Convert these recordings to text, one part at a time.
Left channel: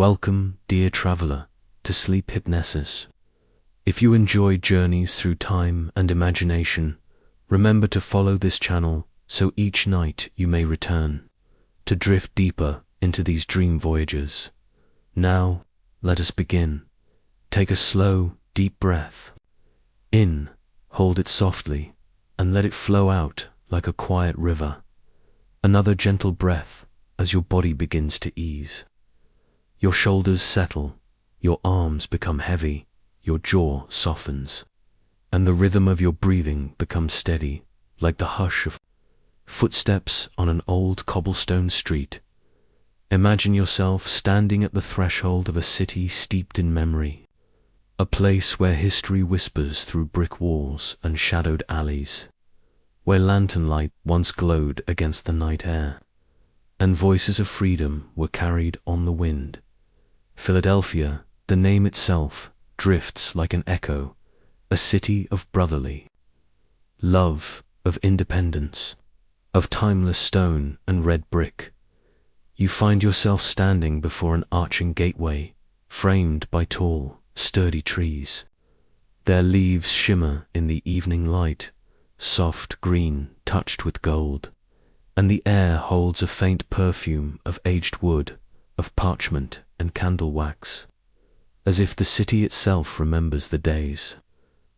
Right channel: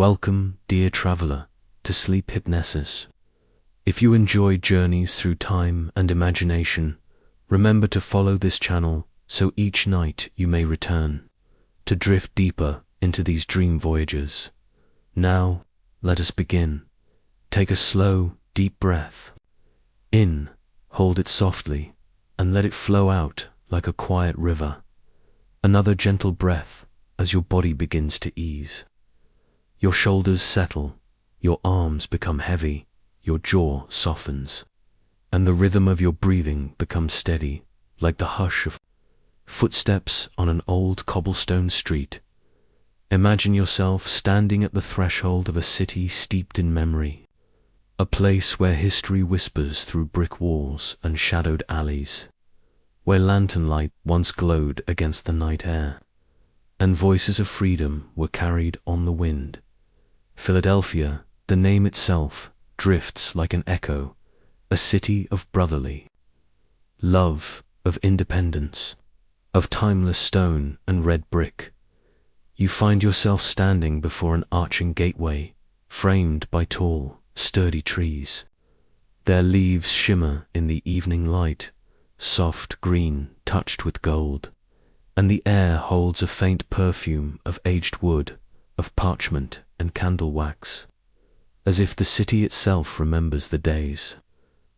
Welcome, dear traveler, to Sleep Hypnosis. If you enjoy journeys through time and imagination, remember to follow this channel so each night you may return to drift deeper into these dream voyages. Now, let us begin. Take a slow, deep breath. In, hold it softly, and let it flow out like a quiet river. Another gentle breath as your body begins to ease. Your shoulders settle, your arms become heavy, your jaw softens, and the rhythm of your breathing becomes steady, like the hush of footsteps on an old cobblestone street. Imagine yourself standing at the threshold of a city steeped in memory, a place where history whispers through brick walls and shadowed alleys, where lantern light once glowed against the night air, and voices of freedom were carried on the wind. Philadelphia, the name itself, drifts like an echo, a city of brotherly love, of independence, of timeless stone and red brick. You find yourself standing before an arching gateway, framed by tall, sturdy trees. Their leaves shimmer in the evening light, soft green touched with gold, and the air holds a faint perfume of aged wood, of parchment and candle wax, as if the city itself remembers the days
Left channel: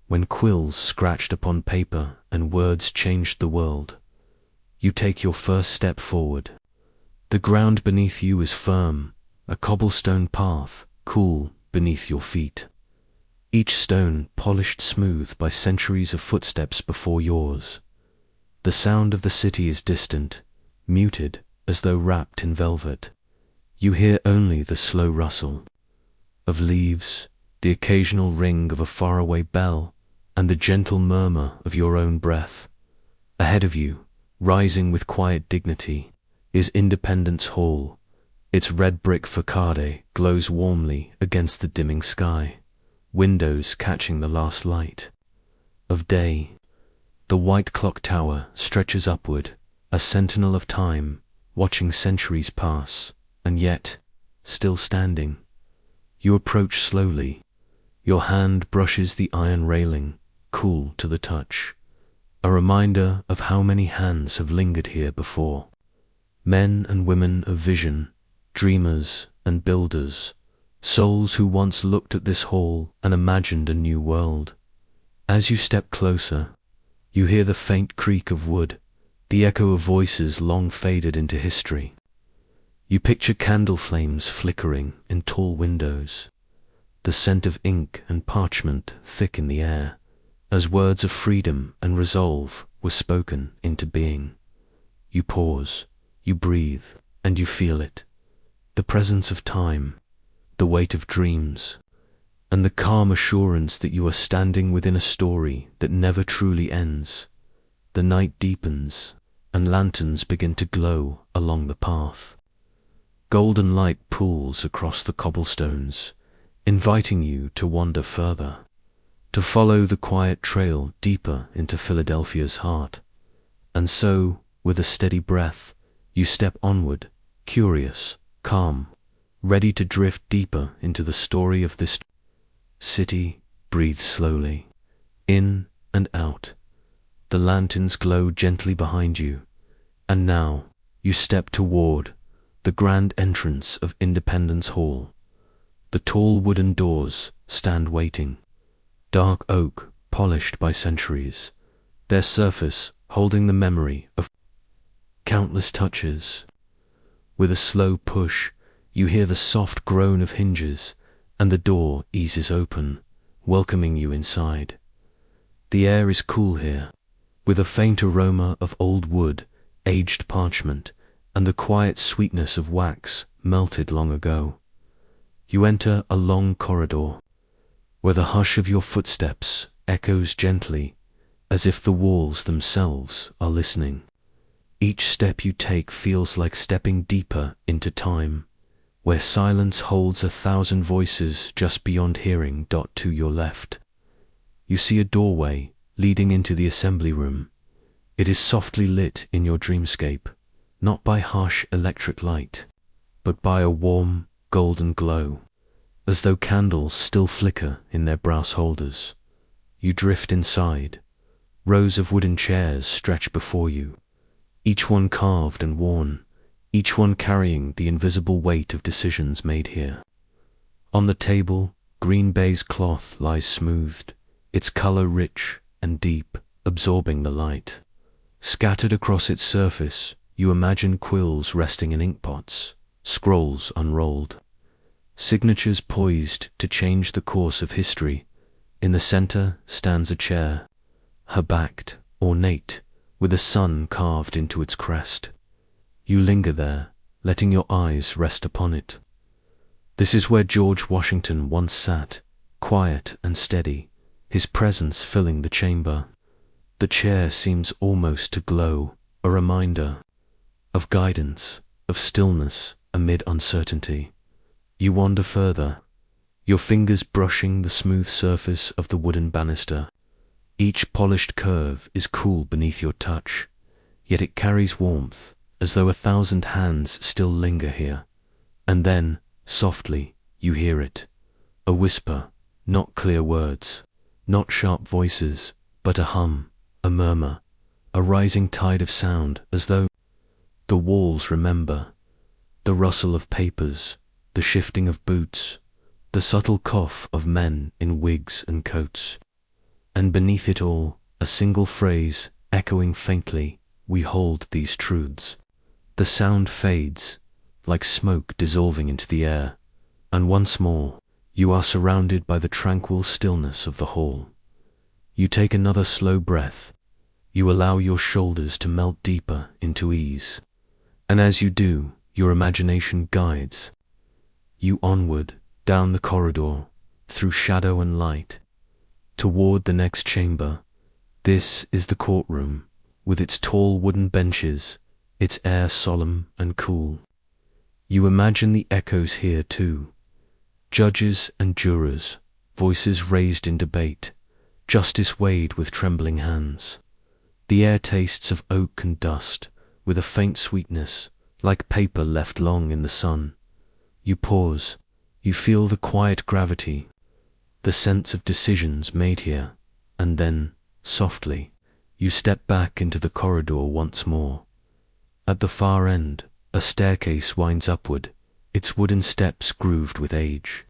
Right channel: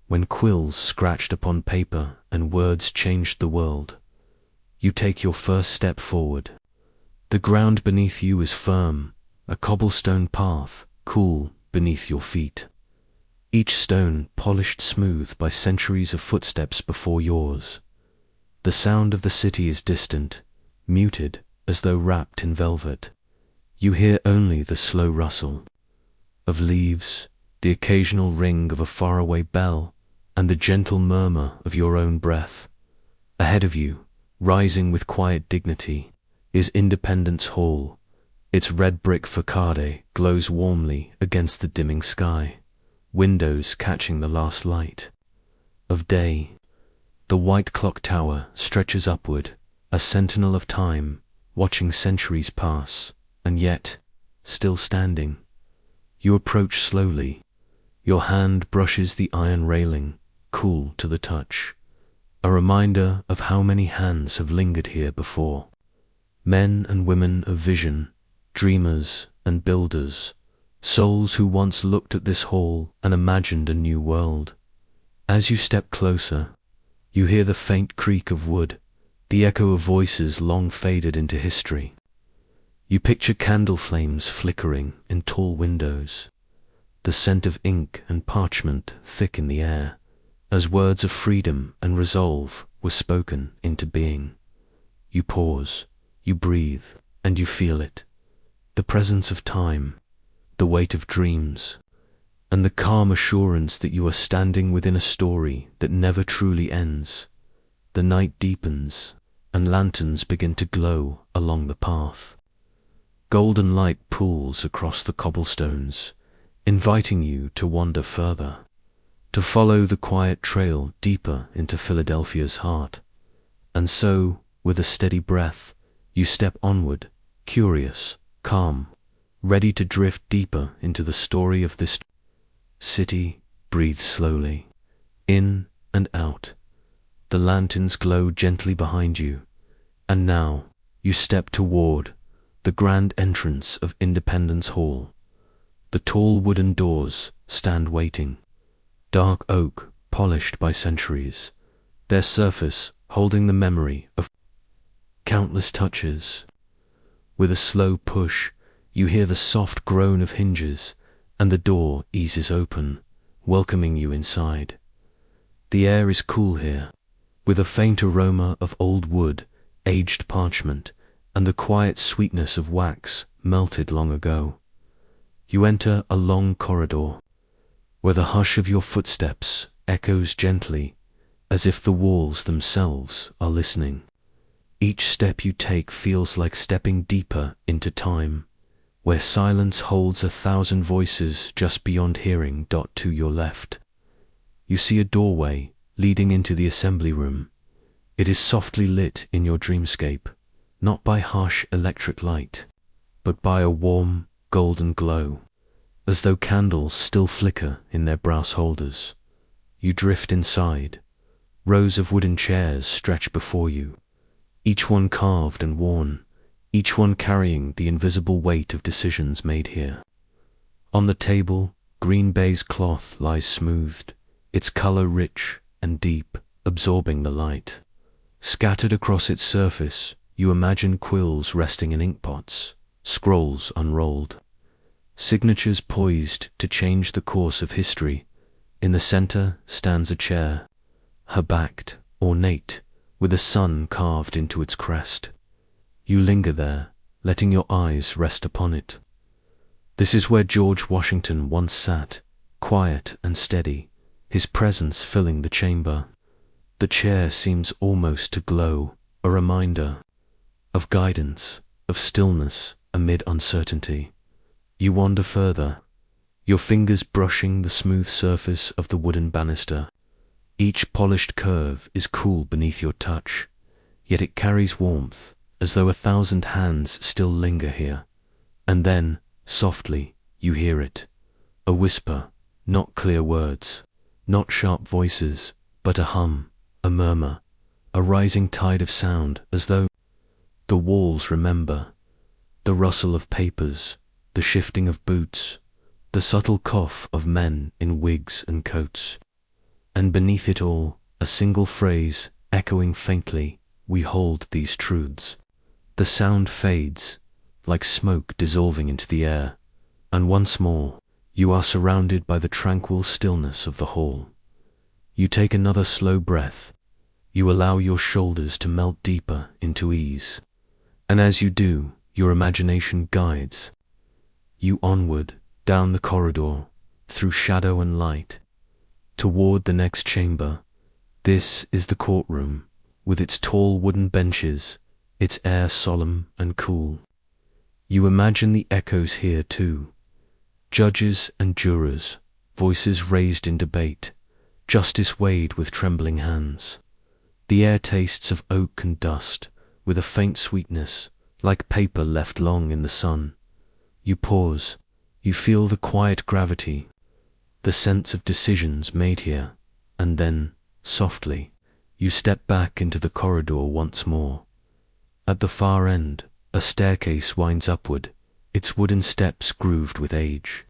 when quills scratched upon paper and words changed the world. You take your first step forward. The ground beneath you is firm, a cobblestone path, cool beneath your feet. Each stone polished smooth by centuries of footsteps before yours. The sound of the city is distant, muted as though wrapped in velvet. You hear only the slow rustle of leaves, the occasional ring of a faraway bell, and the gentle murmur of your own breath. Ahead of you, rising with quiet dignity, is Independence Hall. Its red brick facade glows warmly against the dimming sky, windows catching the last light of day. The white clock tower stretches upward, a sentinel of time, watching centuries pass, and yet, still standing. You approach slowly. Your hand brushes the iron railing, cool to the touch, a reminder of how many hands have lingered here before. Men and women of vision, dreamers and builders, souls who once looked at this hall and imagined a new world. As you step closer, you hear the faint creak of wood, the echo of voices long faded into history. You picture candle flames flickering in tall windows, the scent of ink and parchment thick in the air, as words of freedom and resolve were spoken into being. You pause, you breathe, and you feel it. The presence of time, the weight of dreams, and the calm assurance that you are standing within a story that never truly ends. The night deepens, and lanterns begin to glow along the path. Golden light pools across the cobblestones, inviting you to wander further, to follow the quiet trail deeper into Philadelphia's heart. And so, with a steady breath, you step onward, curious, calm, ready to drift deeper into the story of this city. Breathe slowly, in and out. The lanterns glow gently behind you, and now you step toward the grand entrance of Independence Hall. The tall wooden doors stand waiting, dark oak polished by centuries, their surface holding the memory of countless touches. With a slow push, you hear the soft groan of hinges, and the door eases open, welcoming you inside. The air is cool here, with a faint aroma of old wood, aged parchment, and the quiet sweetness of wax melted long ago. You enter a long corridor, where the hush of your footsteps echoes gently, as if the walls themselves are listening. Each step you take feels like stepping deeper into time, where silence holds 1,000 voices just beyond hearing. To your left, you see a doorway leading into the assembly room. It is softly lit in your dreamscape, not by harsh electric light, but by a warm, golden glow, as though candles still flicker in their brass holders. You drift inside. Rows of wooden chairs stretch before you, each one carved and worn, each one carrying the invisible weight of decisions made here. On the table, green baize cloth lies smoothed, its color rich and deep, absorbing the light. Scattered across its surface, you imagine quills resting in inkpots, scrolls unrolled, signatures poised to change the course of history. In the center stands a chair, her-backed, ornate, with a sun carved into its crest. You linger there, letting your eyes rest upon it. This is where George Washington once sat, quiet and steady, his presence filling the chamber. The chair seems almost to glow, a reminder of guidance, of stillness amid uncertainty. You wander further, your fingers brushing the smooth surface of the wooden banister. Each polished curve is cool beneath your touch, yet it carries warmth, as though 1,000 hands still linger here. And then, softly, you hear it. A whisper, not clear words, not sharp voices, but a hum, a murmur, a rising tide of sound, as though the walls remember. The rustle of papers, the shifting of boots, the subtle cough of men in wigs and coats. And beneath it all, a single phrase, echoing faintly, we hold these truths. The sound fades, like smoke dissolving into the air, and once more, you are surrounded by the tranquil stillness of the hall. You take another slow breath. You allow your shoulders to melt deeper into ease. And as you do, your imagination guides you onward, down the corridor, through shadow and light, toward the next chamber. This is the courtroom, with its tall wooden benches, its air solemn and cool. You imagine the echoes here too. Judges and jurors, voices raised in debate, justice weighed with trembling hands. The air tastes of oak and dust, with a faint sweetness, like paper left long in the sun. You pause, you feel the quiet gravity, the sense of decisions made here, and then, softly, you step back into the corridor once more. At the far end, a staircase winds upward, its wooden steps grooved with age.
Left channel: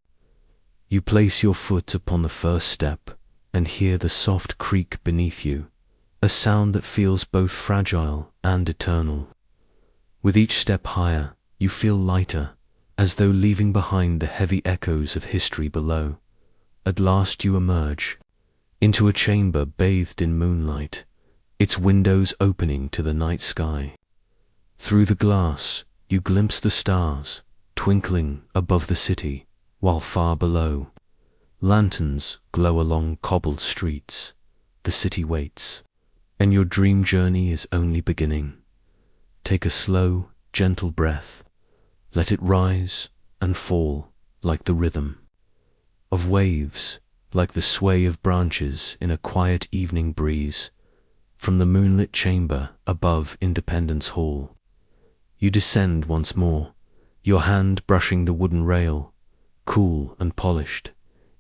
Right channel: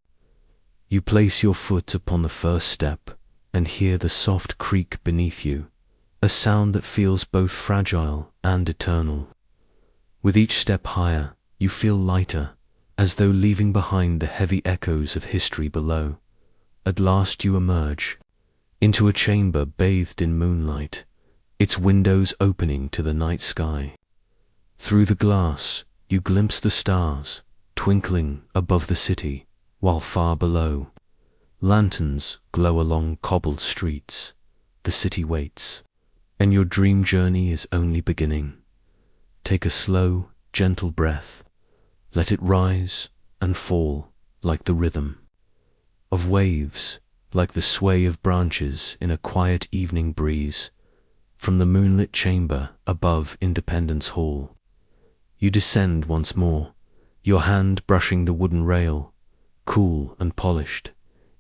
You place your foot upon the first step and hear the soft creak beneath you, a sound that feels both fragile and eternal. With each step higher, you feel lighter, as though leaving behind the heavy echoes of history below. At last you emerge into a chamber bathed in moonlight, its windows opening to the night sky. Through the glass, you glimpse the stars, twinkling above the city, while far below, lanterns glow along cobbled streets. The city waits, and your dream journey is only beginning. Take a slow, gentle breath. Let it rise and fall like the rhythm of waves, like the sway of branches in a quiet evening breeze. From the moonlit chamber above Independence Hall, you descend once more, your hand brushing the wooden rail, cool and polished,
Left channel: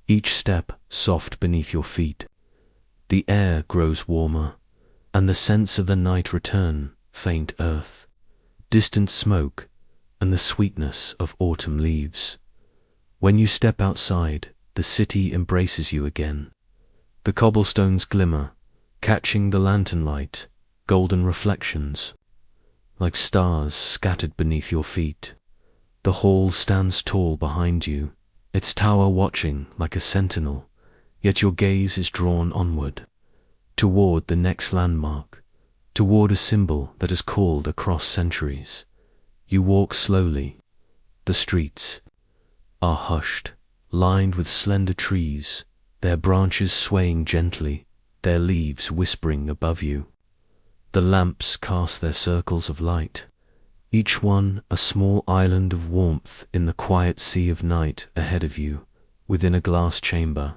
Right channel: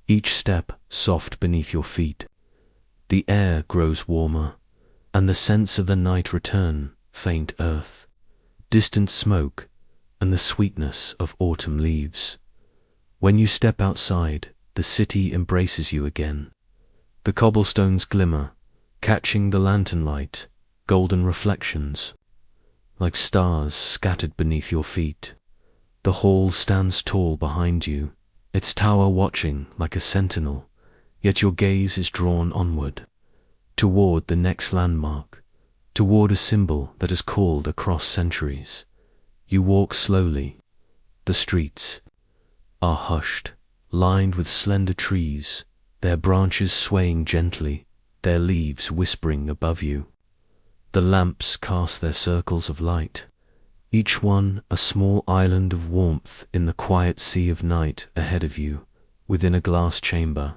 each step soft beneath your feet. The air grows warmer, and the scents of the night return, faint earth, distant smoke, and the sweetness of autumn leaves. When you step outside, the city embraces you again. The cobblestones glimmer, catching the lantern light, golden reflections, like stars scattered beneath your feet. The hall stands tall behind you, its tower watching like a sentinel, yet your gaze is drawn onward, toward the next landmark, toward a symbol that has called across centuries. You walk slowly. The streets are hushed, lined with slender trees, their branches swaying gently, their leaves whispering above you. The lamps cast their circles of light, each one a small island of warmth in the quiet sea of night ahead of you. Within a glass chamber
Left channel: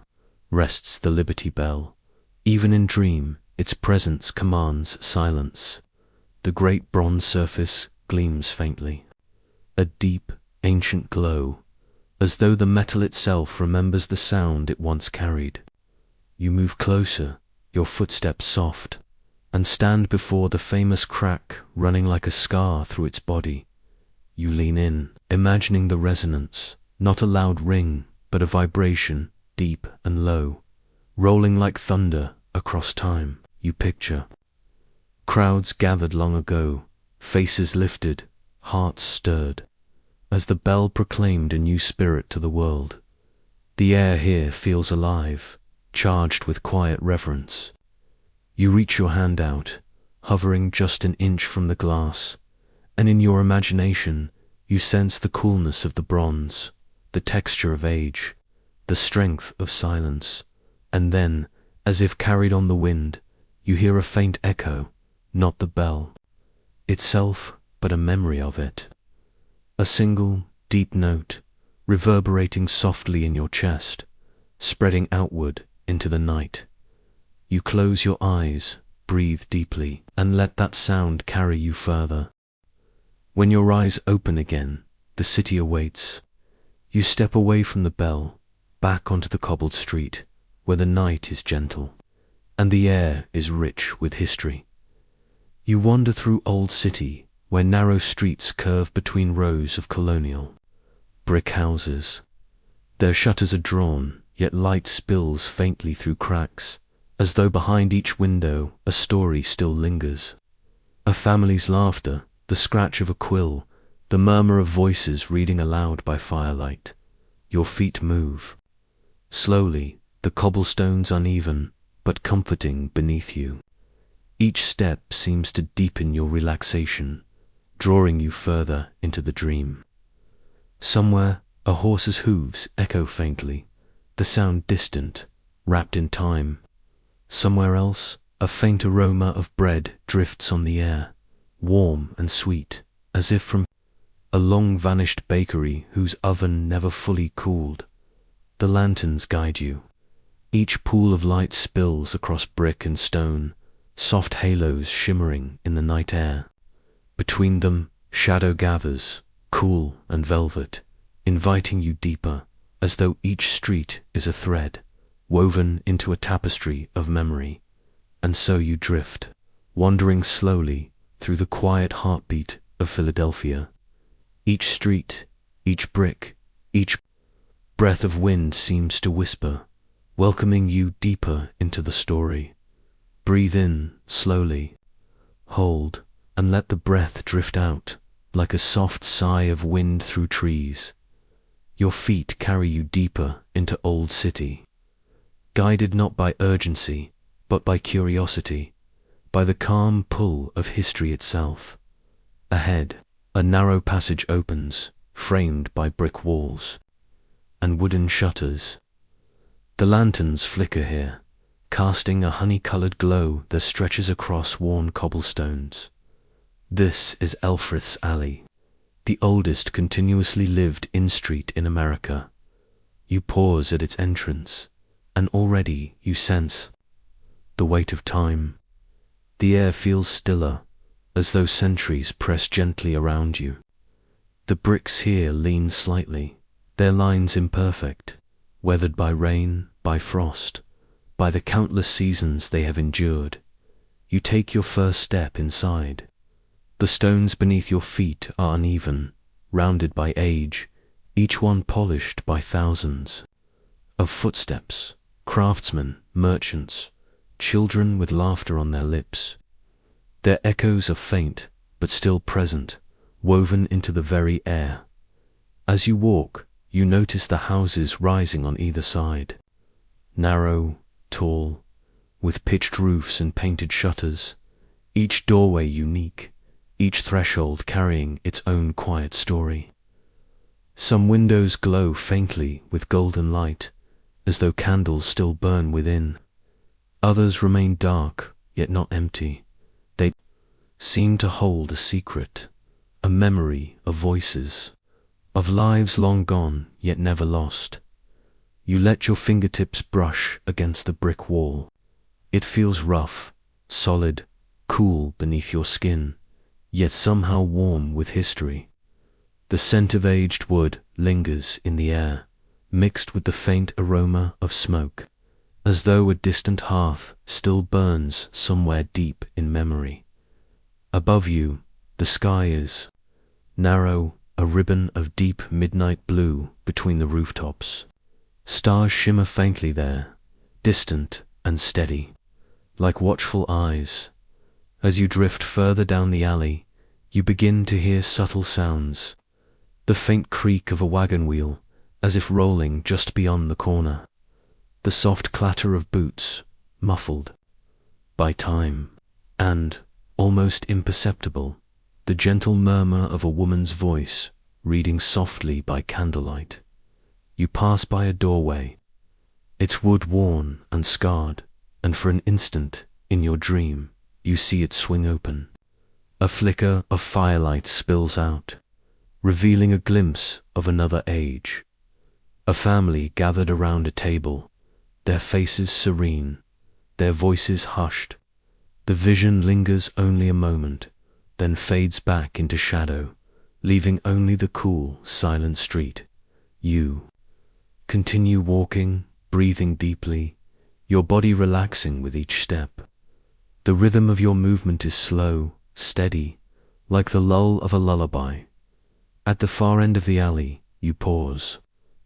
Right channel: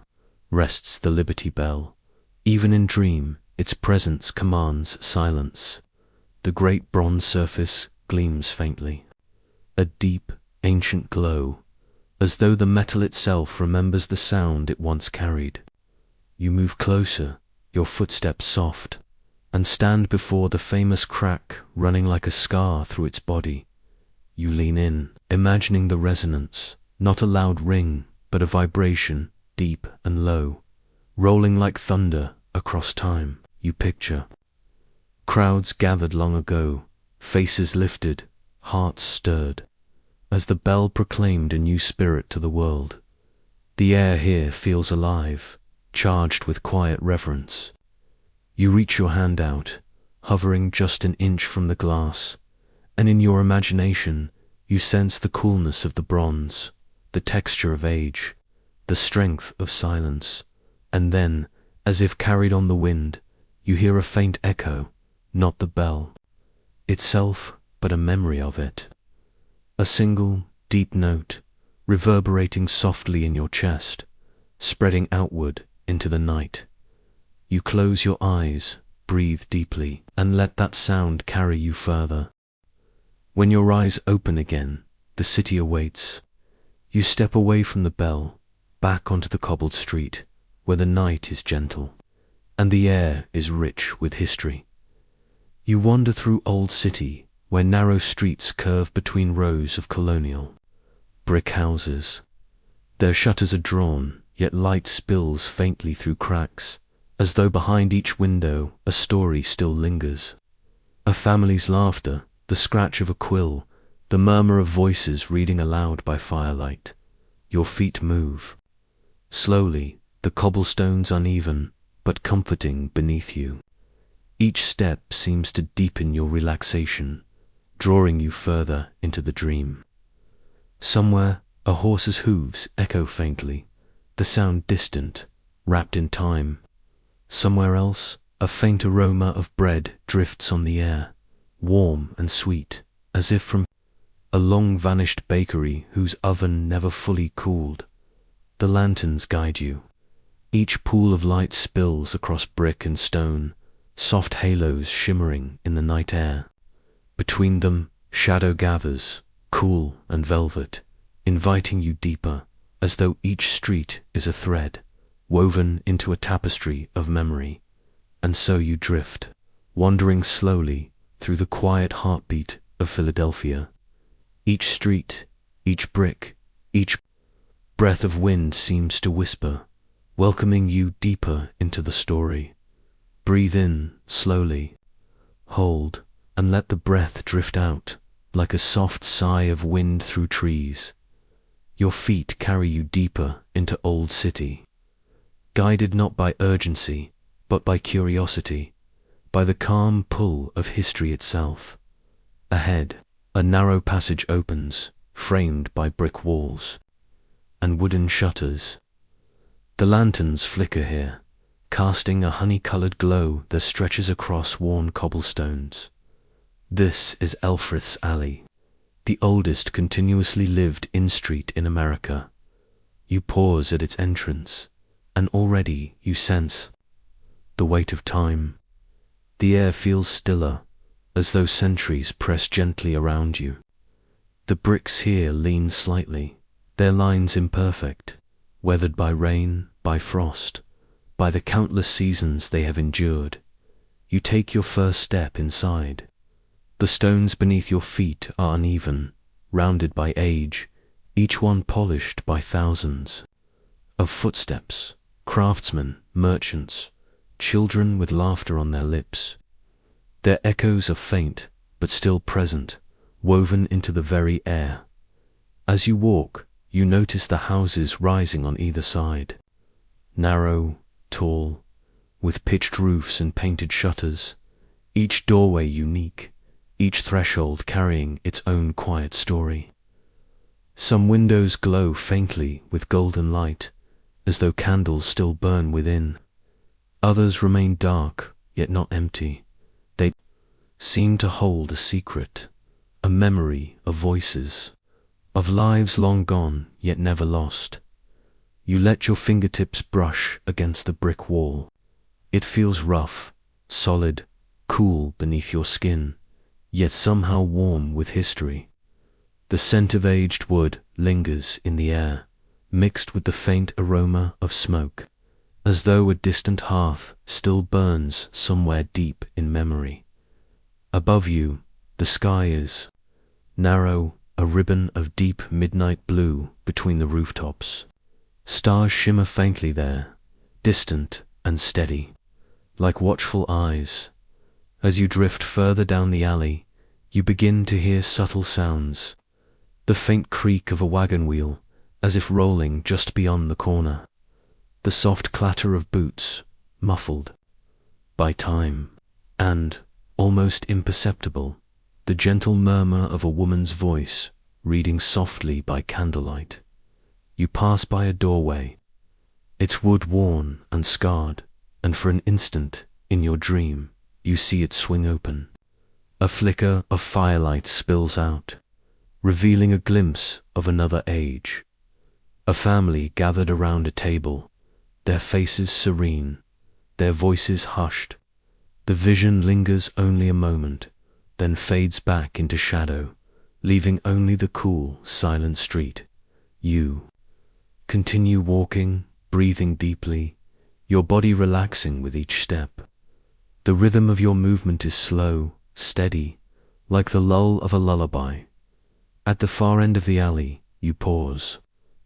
rests the Liberty Bell. Even in dream, its presence commands silence. The great bronze surface gleams faintly. A deep, ancient glow, as though the metal itself remembers the sound it once carried. You move closer, your footsteps soft, and stand before the famous crack running like a scar through its body. You lean in, imagining the resonance, not a loud ring, but a vibration, deep and low, rolling like thunder across time. You picture crowds gathered long ago, faces lifted, hearts stirred, as the bell proclaimed a new spirit to the world. The air here feels alive, charged with quiet reverence. You reach your hand out, hovering just an inch from the glass, and in your imagination you sense the coolness of the bronze, the texture of age, the strength of silence, and then, as if carried on the wind, you hear a faint echo, not the bell itself, but a memory of it. A single, deep note, reverberating softly in your chest, spreading outward into the night. You close your eyes, breathe deeply, and let that sound carry you further. When your eyes open again, the city awaits. You step away from the bell, back onto the cobbled street, where the night is gentle, and the air is rich with history. You wander through Old City, where narrow streets curve between rows of colonial brick houses. Their shutters are drawn, yet light spills faintly through cracks, as though behind each window a story still lingers. A family's laughter, the scratch of a quill, the murmur of voices reading aloud by firelight. Your feet move. Slowly, the cobblestones uneven, but comforting beneath you. Each step seems to deepen your relaxation, drawing you further into the dream. Somewhere, a horse's hooves echo faintly, the sound distant, wrapped in time. Somewhere else, a faint aroma of bread drifts on the air, warm and sweet, as if from a long-vanished bakery whose oven never fully cooled. The lanterns guide you. Each pool of light spills across brick and stone, soft halos shimmering in the night air. Between them, shadow gathers, cool and velvet, inviting you deeper, as though each street is a thread, woven into a tapestry of memory. And so you drift, wandering slowly through the quiet heartbeat of Philadelphia. Each street, each brick, each breath of wind seems to whisper, welcoming you deeper into the story. Breathe in slowly, hold, and let the breath drift out like a soft sigh of wind through trees. Your feet carry you deeper into Old City, guided not by urgency, but by curiosity, by the calm pull of history itself. Ahead, a narrow passage opens, framed by brick walls and wooden shutters. The lanterns flicker here, casting a honey-colored glow that stretches across worn cobblestones. This is Elfreth's Alley, the oldest continuously lived in-street in America. You pause at its entrance, and already you sense the weight of time. The air feels stiller, as though centuries press gently around you. The bricks here lean slightly, their lines imperfect, weathered by rain, by frost, by the countless seasons they have endured. You take your first step inside. The stones beneath your feet are uneven, rounded by age, each one polished by thousands of footsteps, craftsmen, merchants, children with laughter on their lips. Their echoes are faint, but still present, woven into the very air. As you walk, you notice the houses rising on either side. Narrow, tall, with pitched roofs and painted shutters, each doorway unique, each threshold carrying its own quiet story. Some windows glow faintly with golden light, as though candles still burn within. Others remain dark, yet not empty. They seem to hold a secret, a memory of voices, of lives long gone, yet never lost. You let your fingertips brush against the brick wall. It feels rough, solid, cool beneath your skin, yet somehow warm with history. The scent of aged wood lingers in the air, mixed with the faint aroma of smoke, as though a distant hearth still burns somewhere deep in memory. Above you, the sky is narrow, a ribbon of deep midnight blue between the rooftops. Stars shimmer faintly there, distant and steady, like watchful eyes. As you drift further down the alley, you begin to hear subtle sounds, the faint creak of a wagon wheel, as if rolling just beyond the corner, the soft clatter of boots, muffled by time, and, almost imperceptible, the gentle murmur of a woman's voice reading softly by candlelight. You pass by a doorway, its wood worn and scarred, and for an instant, in your dream, you see it swing open. A flicker of firelight spills out, revealing a glimpse of another age. A family gathered around a table, their faces serene, their voices hushed. The vision lingers only a moment, then fades back into shadow, leaving only the cool, silent street. You continue walking, breathing deeply, your body relaxing with each step. The rhythm of your movement is slow, steady, like the lull of a lullaby. At the far end of the alley, you pause.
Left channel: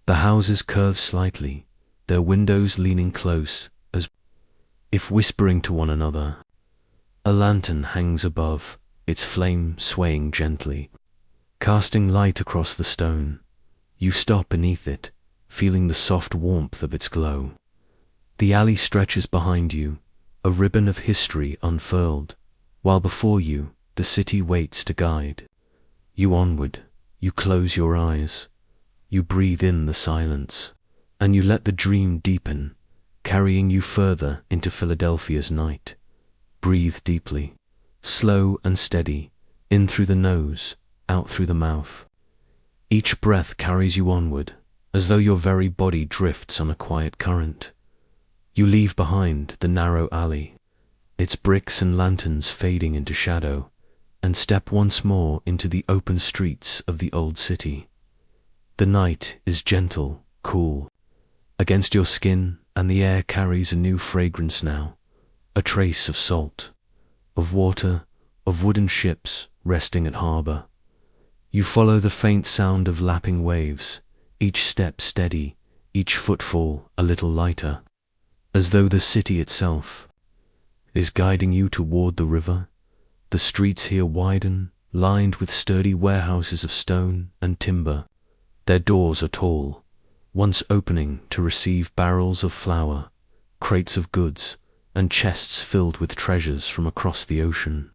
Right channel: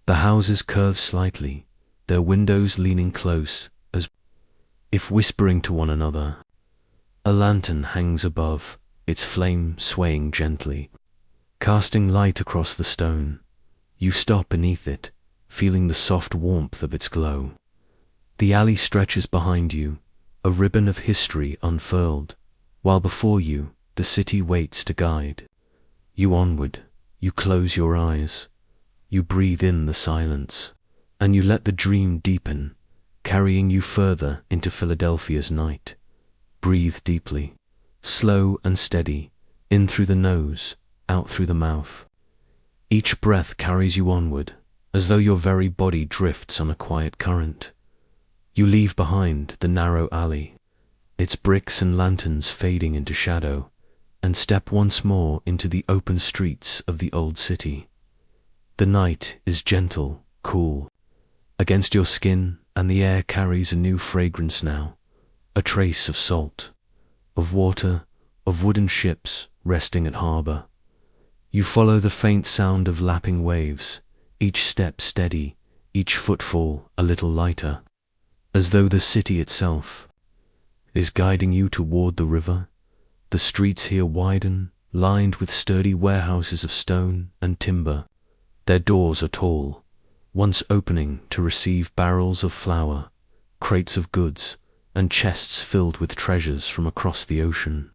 The houses curve slightly, their windows leaning close, as if whispering to one another. A lantern hangs above, its flame swaying gently, casting light across the stone. You stop beneath it, feeling the soft warmth of its glow. The alley stretches behind you, a ribbon of history unfurled, while before you, the city waits to guide you onward. You close your eyes, you breathe in the silence, and you let the dream deepen, carrying you further into Philadelphia's night. Breathe deeply, slow and steady, in through the nose, out through the mouth. Each breath carries you onward, as though your very body drifts on a quiet current. You leave behind the narrow alley, its bricks and lanterns fading into shadow, and step once more into the open streets of the old city. The night is gentle, cool, against your skin, and the air carries a new fragrance now, a trace of salt, of water, of wooden ships resting at harbor. You follow the faint sound of lapping waves, each step steady, each footfall a little lighter, as though the city itself is guiding you toward the river. The streets here widen, lined with sturdy warehouses of stone and timber. Their doors are tall, once opening to receive barrels of flour, crates of goods, and chests filled with treasures from across the ocean.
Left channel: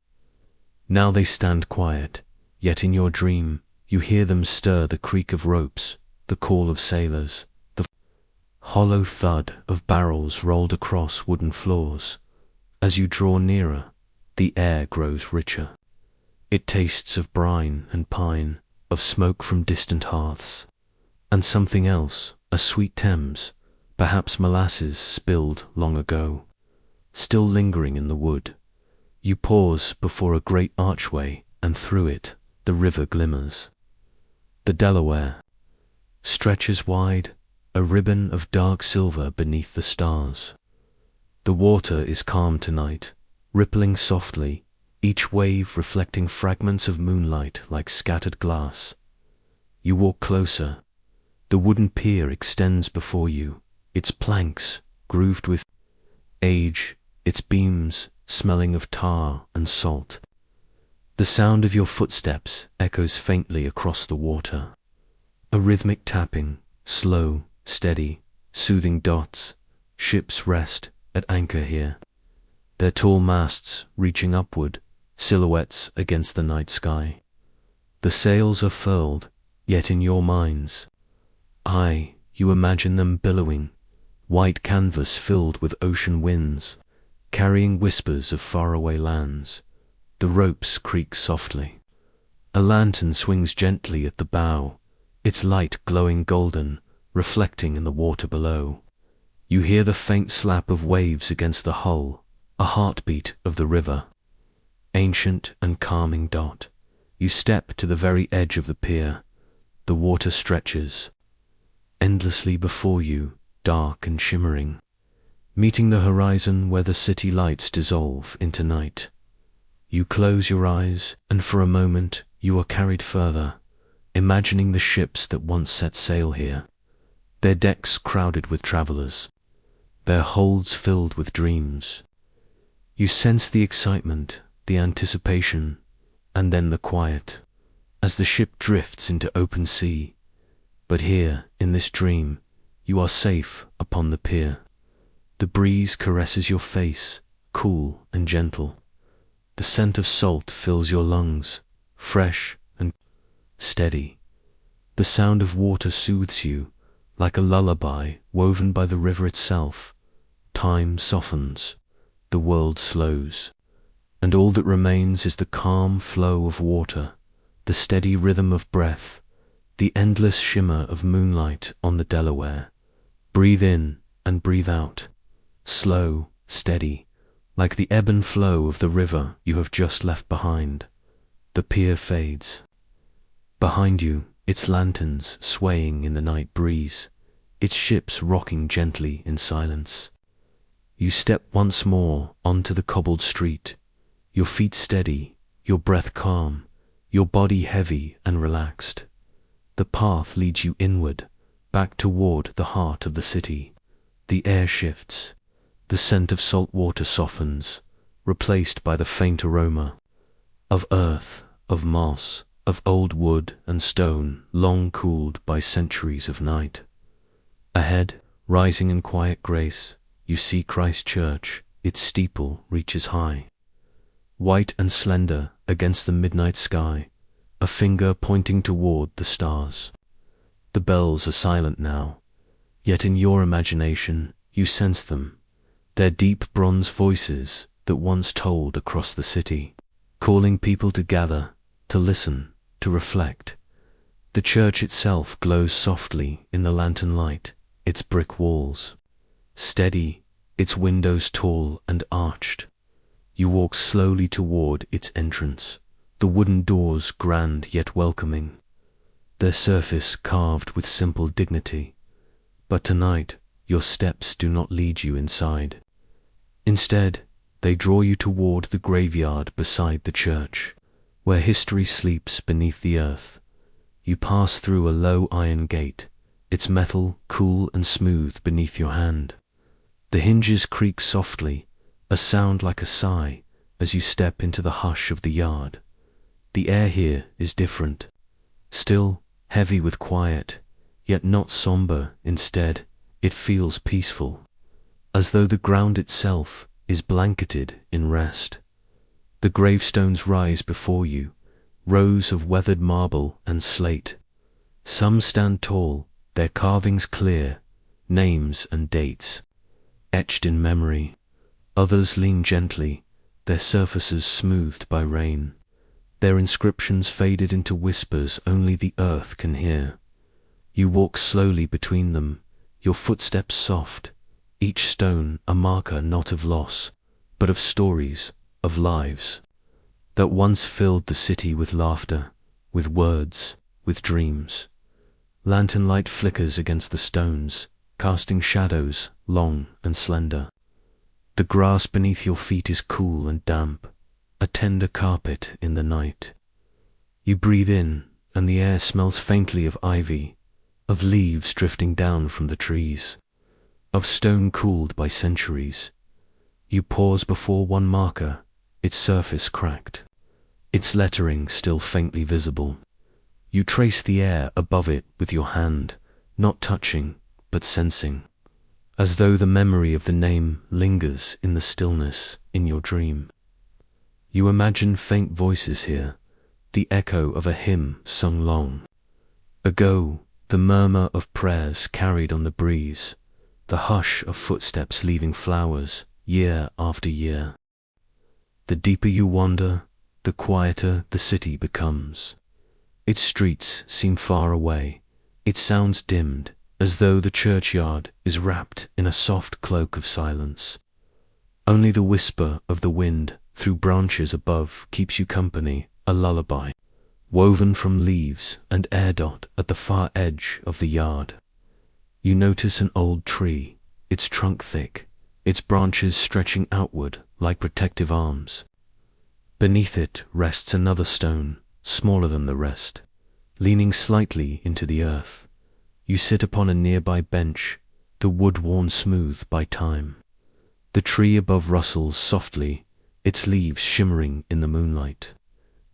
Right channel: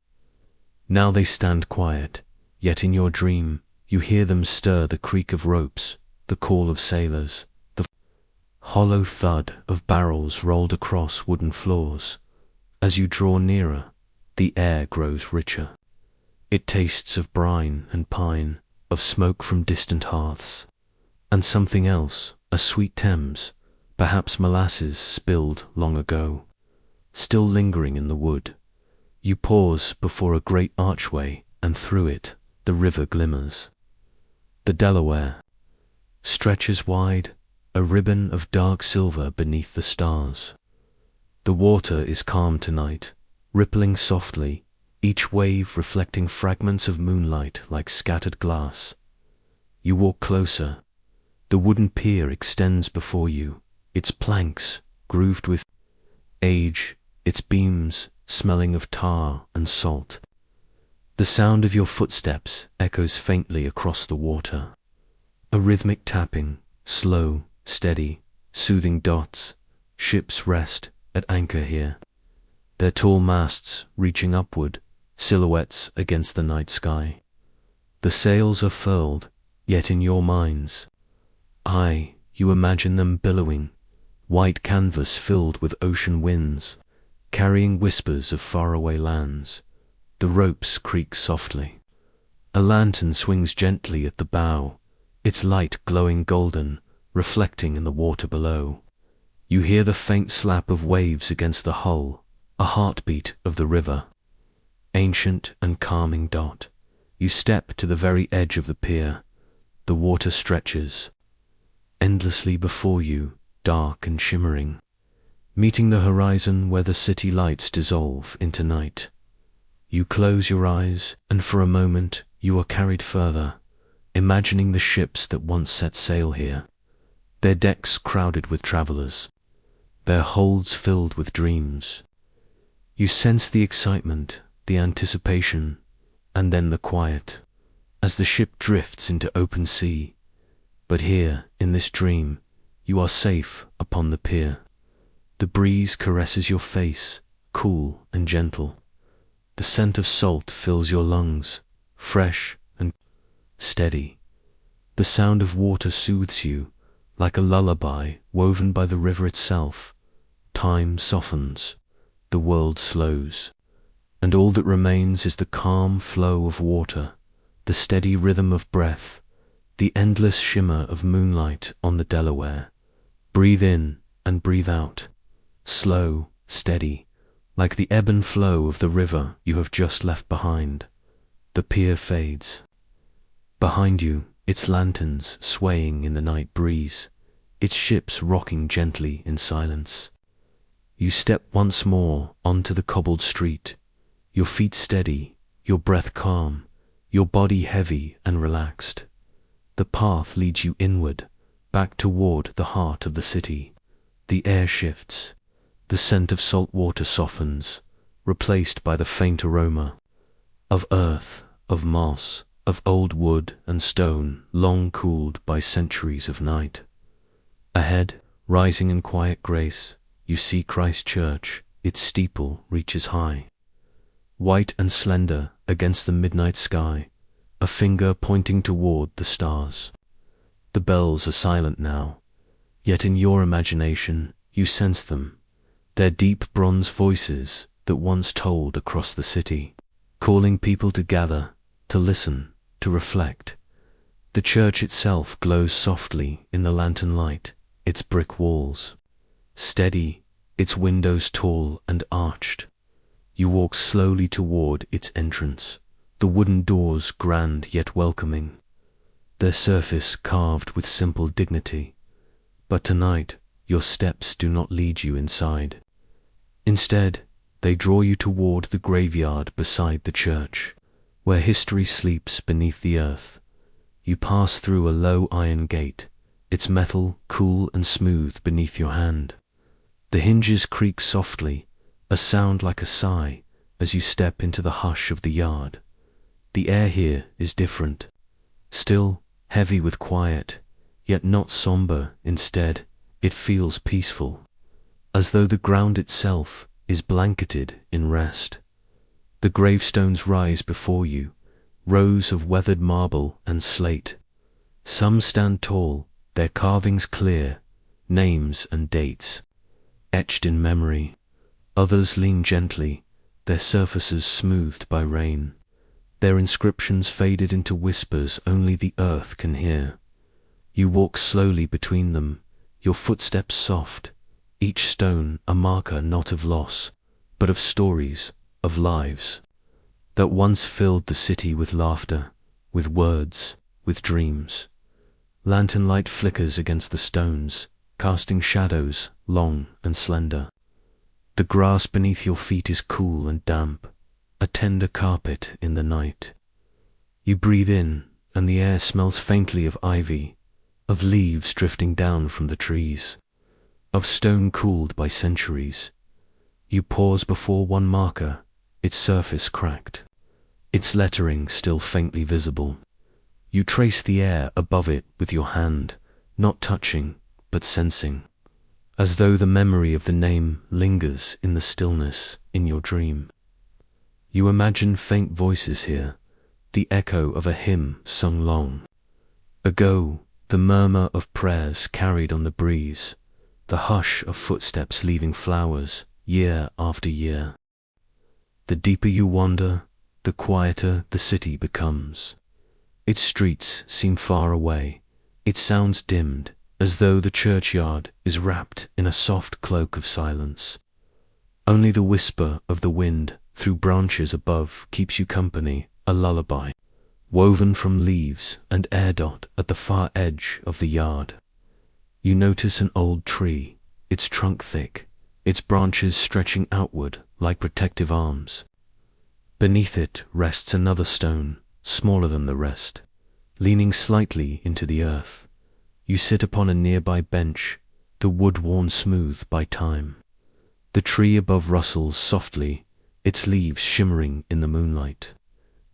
Now they stand quiet, yet in your dream you hear them stir the creak of ropes, the call of sailors, the hollow thud of barrels rolled across wooden floors. As you draw nearer, the air grows richer. It tastes of brine and pine, of smoke from distant hearths, and something else, a sweet Thames, perhaps molasses spilled long ago, still lingering in the wood. You pause before a great archway, and through it the river glimmers. The Delaware stretches wide, a ribbon of dark silver beneath the stars. The water is calm tonight, rippling softly, each wave reflecting fragments of moonlight like scattered glass. You walk closer. The wooden pier extends before you, its planks grooved with age, its beams smelling of tar and salt. The sound of your footsteps echoes faintly across the water. A rhythmic tapping, slow, steady, soothing dots. Ships rest at anchor here, their tall masts reaching upward, silhouettes against the night sky. The sails are furled, yet in your mind's eye you imagine them billowing, white canvas filled with ocean winds, carrying whispers of faraway lands. The ropes creak softly. A lantern swings gently at the bow, its light glowing golden, reflecting in the water below. You hear the faint slap of waves against the hull, a heartbeat of the river. Ancient and calming dot. You step to the very edge of the pier, the water stretches endlessly before you, dark and shimmering, meeting the horizon where the city lights dissolve into night. You close your eyes, and for a moment you are carried further, imagining the ships that once set sail here, their decks crowded with travelers, their holds filled with dreams. You sense the excitement, the anticipation, and then the quiet, as the ship drifts into open sea. But here, in this dream, you are safe upon the pier. The breeze caresses your face, cool and gentle. The scent of salt fills your lungs, fresh and steady. The sound of water soothes you, like a lullaby woven by the river itself. Time softens, the world slows, and all that remains is the calm flow of water, the steady rhythm of breath, the endless shimmer of moonlight on the Delaware. Breathe in and breathe out, slow, steady, like the ebb and flow of the river you have just left behind. The pier fades. Behind you, its lanterns swaying in the night breeze, its ships rocking gently in silence. You step once more onto the cobbled street, your feet steady, your breath calm, your body heavy and relaxed. The path leads you inward, back toward the heart of the city. The air shifts. The scent of salt water softens, replaced by the faint aroma of earth, of moss, of old wood and stone long cooled by centuries of night. Ahead, rising in quiet grace, you see Christ Church. Its steeple reaches high, white and slender against the midnight sky, a finger pointing toward the stars. The bells are silent now, yet in your imagination you sense them, their deep bronze voices that once tolled across the city, calling people to gather, to listen, to reflect. The church itself glows softly in the lantern light, its brick walls steady, its windows tall and arched. You walk slowly toward its entrance, the wooden doors grand yet welcoming, their surface carved with simple dignity. But tonight, your steps do not lead you inside. Instead, they draw you toward the graveyard beside the church, where history sleeps beneath the earth. You pass through a low iron gate, its metal cool and smooth beneath your hand. The hinges creak softly, a sound like a sigh, as you step into the hush of the yard. The air here is different, still, heavy with quiet, yet not somber. Instead, it feels peaceful, as though the ground itself is blanketed in rest. The gravestones rise before you, rows of weathered marble and slate. Some stand tall, their carvings clear, names and dates etched in memory. Others lean gently, their surfaces smoothed by rain, their inscriptions faded into whispers only the earth can hear. You walk slowly between them, your footsteps soft, each stone a marker not of loss, but of stories, of lives, that once filled the city with laughter, with words, with dreams. Lantern light flickers against the stones, casting shadows long and slender. The grass beneath your feet is cool and damp, a tender carpet in the night. You breathe in, and the air smells faintly of ivy, of leaves drifting down from the trees, of stone cooled by centuries. You pause before one marker, its surface cracked, its lettering still faintly visible. You trace the air above it with your hand, not touching, but sensing, as though the memory of the name lingers in the stillness in your dream. You imagine faint voices here, the echo of a hymn sung long ago, the murmur of prayers carried on the breeze, the hush of footsteps leaving flowers year after year. The deeper you wander, the quieter the city becomes. Its streets seem far away, its sounds dimmed, as though the churchyard is wrapped in a soft cloak of silence. Only the whisper of the wind through branches above keeps you company, a lullaby, woven from leaves and air dot at the far edge of the yard. You notice an old tree, its trunk thick, its branches stretching outward like protective arms. Beneath it rests another stone, smaller than the rest, leaning slightly into the earth. You sit upon a nearby bench, the wood worn smooth by time. The tree above rustles softly, its leaves shimmering in the moonlight,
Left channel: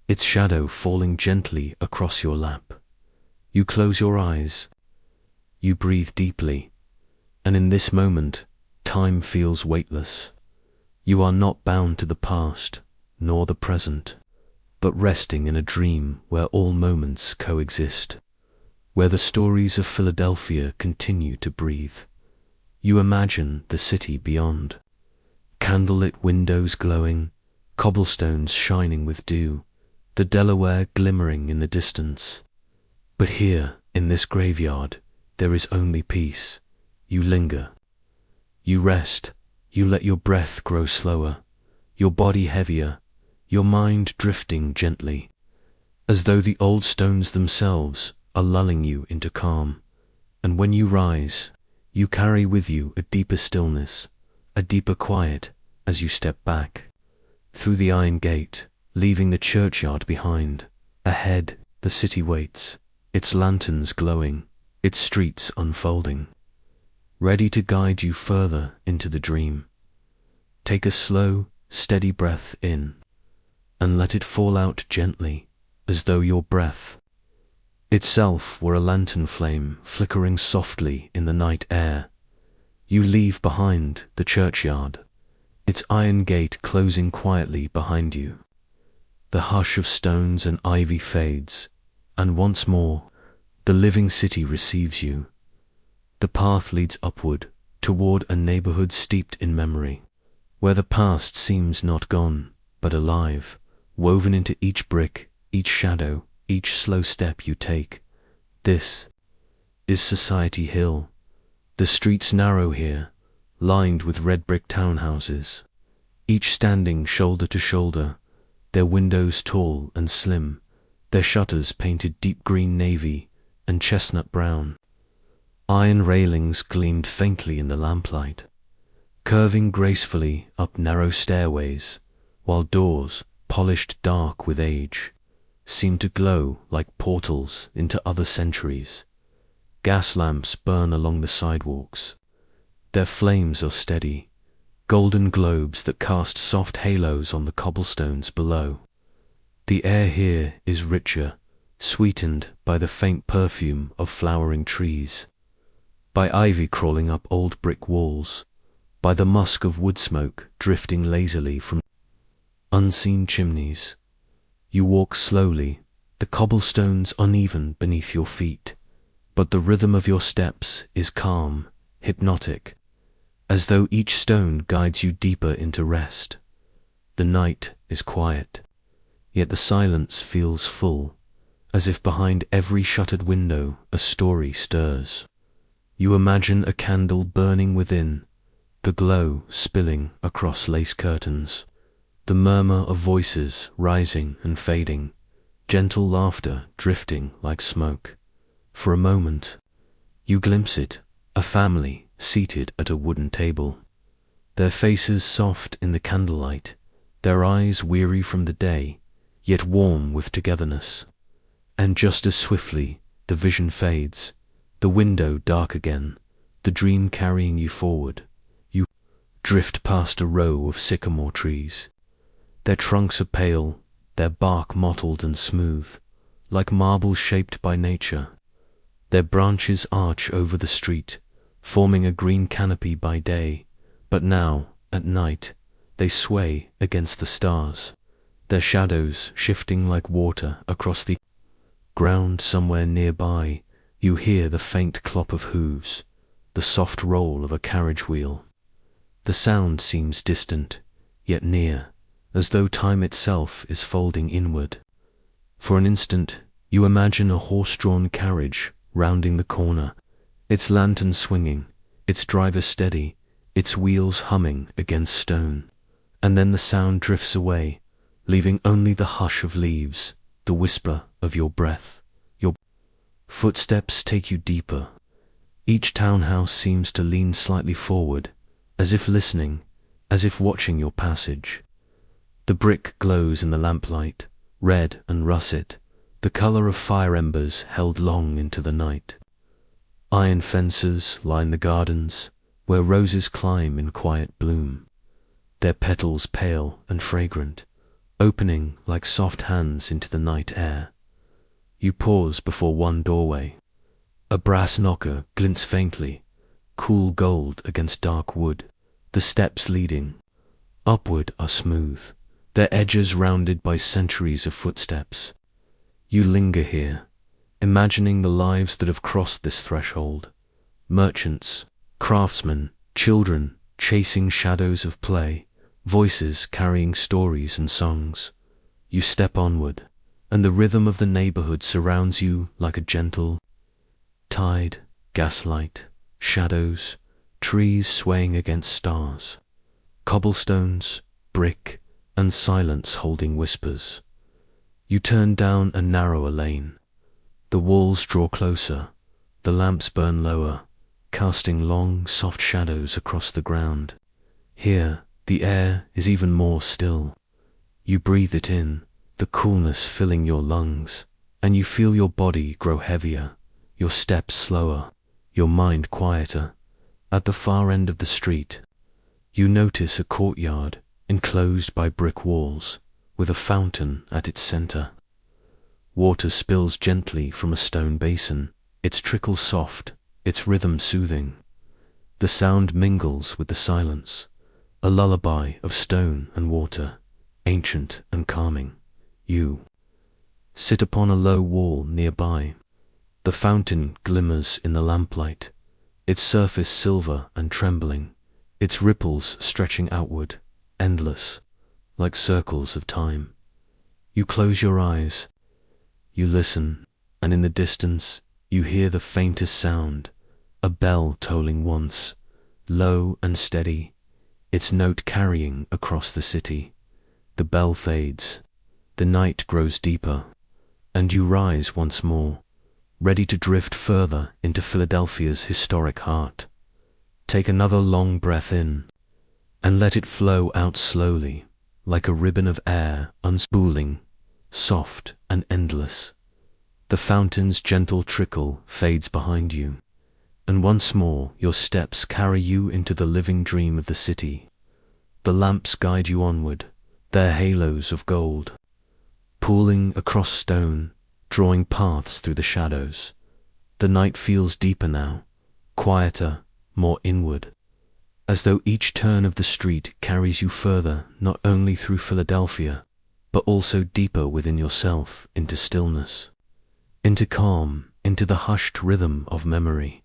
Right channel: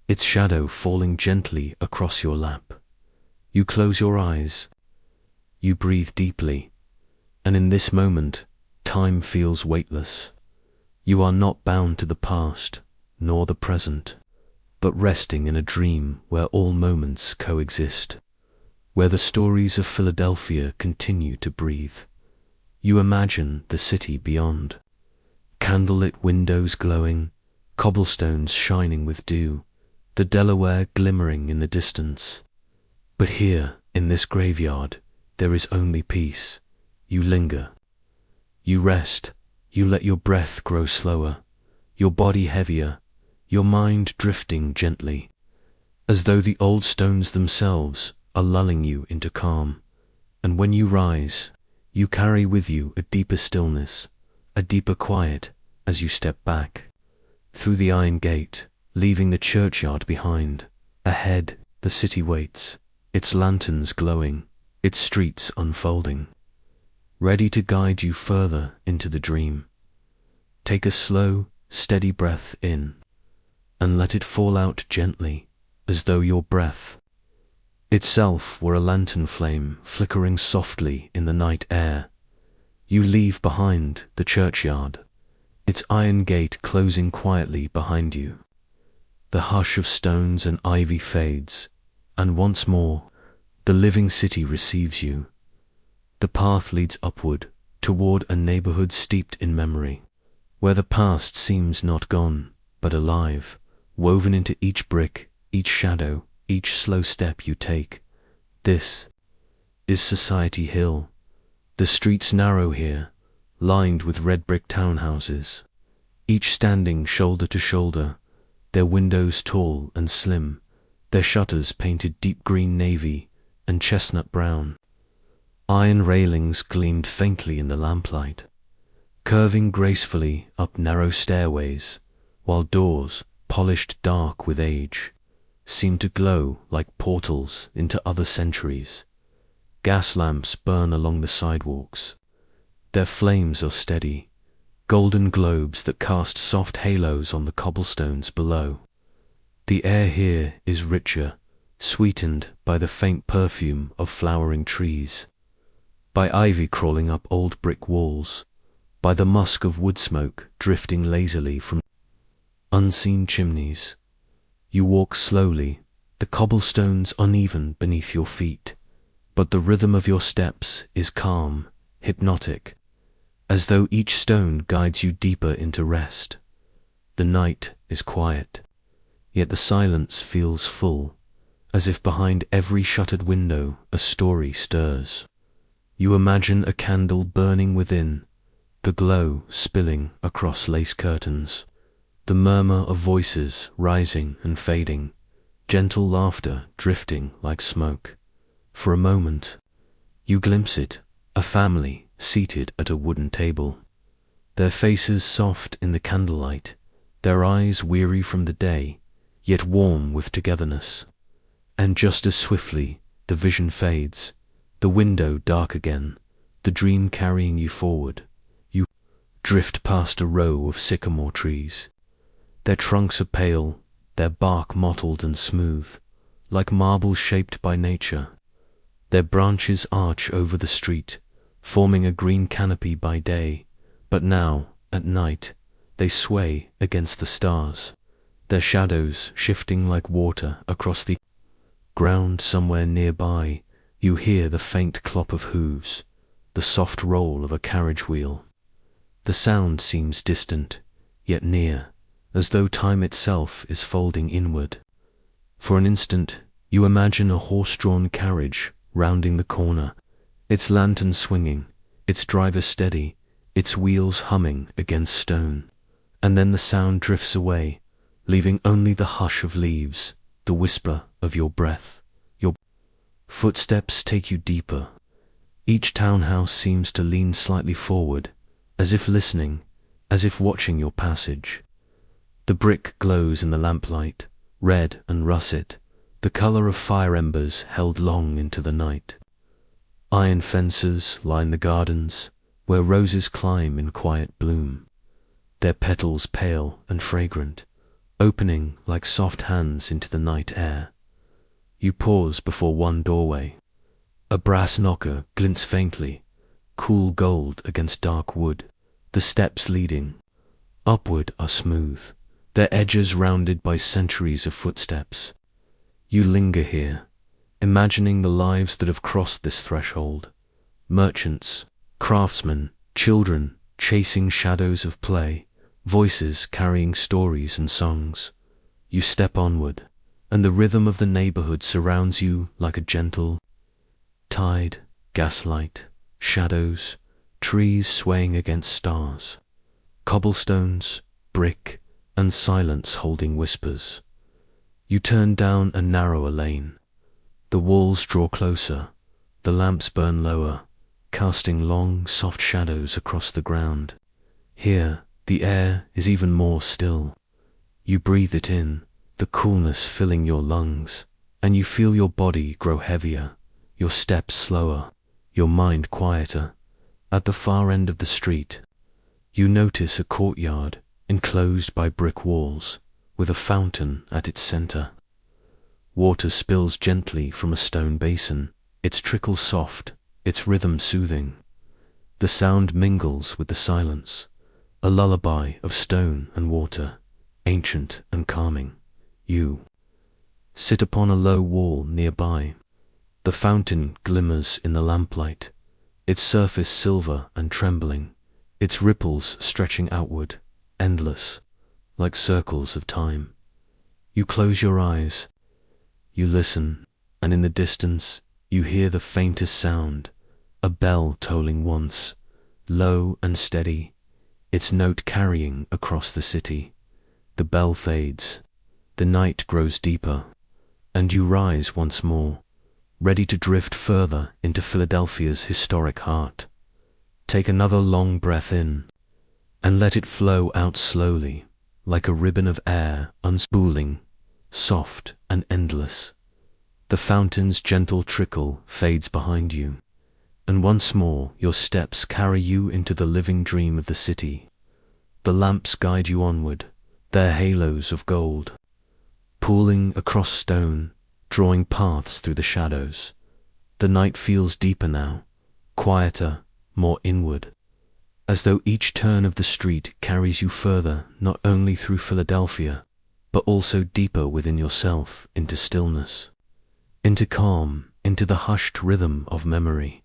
its shadow falling gently across your lap. You close your eyes. You breathe deeply, and in this moment, time feels weightless. You are not bound to the past, nor the present, but resting in a dream where all moments coexist, where the stories of Philadelphia continue to breathe. You imagine the city beyond, candlelit windows glowing, cobblestones shining with dew, the Delaware glimmering in the distance. But here, in this graveyard, there is only peace. You linger. You rest. You let your breath grow slower, your body heavier, your mind drifting gently, as though the old stones themselves are lulling you into calm. And when you rise, you carry with you a deeper stillness, a deeper quiet as you step back through the iron gate, leaving the churchyard behind. Ahead, the city waits, its lanterns glowing, its streets unfolding, ready to guide you further into the dream. Take a slow, steady breath in, and let it fall out gently, as though your breath itself were a lantern flame flickering softly in the night air. You leave behind the churchyard, its iron gate closing quietly behind you. The hush of stones and ivy fades, and once more, the living city receives you. The path leads upward, toward a neighborhood steeped in memory, where the past seems not gone, but alive, woven into each brick, each shadow, each slow step you take. This is Society Hill. The streets narrow here, lined with red brick townhouses, each standing shoulder to shoulder, their windows tall and slim, their shutters painted deep green navy and chestnut brown. Iron railings gleamed faintly in the lamplight, curving gracefully up narrow stairways, while doors, polished dark with age, seemed to glow like portals into other centuries. Gas lamps burn along the sidewalks. Their flames are steady, golden globes that cast soft halos on the cobblestones below. The air here is richer, sweetened by the faint perfume of flowering trees, by ivy crawling up old brick walls, by the musk of wood smoke drifting lazily from unseen chimneys. You walk slowly, the cobblestones uneven beneath your feet, but the rhythm of your steps is calm, hypnotic, as though each stone guides you deeper into rest. The night is quiet, yet the silence feels full, as if behind every shuttered window a story stirs. You imagine a candle burning within, the glow spilling across lace curtains, the murmur of voices rising and fading, gentle laughter drifting like smoke. For a moment, you glimpse it, a family seated at a wooden table, their faces soft in the candlelight, their eyes weary from the day, yet warm with togetherness. And just as swiftly, the vision fades, the window dark again, the dream carrying you forward. You drift past a row of sycamore trees. Their trunks are pale, their bark mottled and smooth, like marble shaped by nature. Their branches arch over the street, forming a green canopy by day, but now, at night, they sway against the stars, their shadows shifting like water across the ground. Somewhere nearby. You hear the faint clop of hooves, the soft roll of a carriage wheel. The sound seems distant, yet near, as though time itself is folding inward. For an instant, you imagine a horse-drawn carriage rounding the corner, its lantern swinging, its driver steady, its wheels humming against stone. And then the sound drifts away, leaving only the hush of leaves, the whisper of your breath. Your footsteps take you deeper. Each townhouse seems to lean slightly forward, as if listening, as if watching your passage. The brick glows in the lamplight, red and russet, the color of fire embers held long into the night. Iron fences line the gardens, where roses climb in quiet bloom, their petals pale and fragrant, opening like soft hands into the night air. You pause before one doorway. A brass knocker glints faintly, cool gold against dark wood. The steps leading upward are smooth, their edges rounded by centuries of footsteps. You linger here, imagining the lives that have crossed this threshold. Merchants, craftsmen, children chasing shadows of play, voices carrying stories and songs. You step onward, and the rhythm of the neighborhood surrounds you like a gentle tide, gaslight, shadows, trees swaying against stars, cobblestones, brick, and silence holding whispers. You turn down a narrower lane. The walls draw closer, the lamps burn lower, casting long, soft shadows across the ground. Here, the air is even more still. You breathe it in, the coolness filling your lungs, and you feel your body grow heavier, your steps slower, your mind quieter. At the far end of the street, you notice a courtyard enclosed by brick walls, with a fountain at its center. Water spills gently from a stone basin, its trickle soft, its rhythm soothing. The sound mingles with the silence, a lullaby of stone and water, ancient and calming. You sit upon a low wall nearby. The fountain glimmers in the lamplight, its surface silver and trembling, its ripples stretching outward, endless, like circles of time. You close your eyes, you listen, and in the distance you hear the faintest sound, a bell tolling once, low and steady, its note carrying across the city. The bell fades, the night grows deeper, and you rise once more, ready to drift further into Philadelphia's historic heart. Take another long breath in, and let it flow out slowly, like a ribbon of air unspooling, soft and endless. The fountain's gentle trickle fades behind you, and once more your steps carry you into the living dream of the city. The lamps guide you onward, their halos of gold, pooling across stone, drawing paths through the shadows. The night feels deeper now, quieter, more inward, as though each turn of the street carries you further not only through Philadelphia, but also deeper within yourself into stillness, into calm, into the hushed rhythm of memory.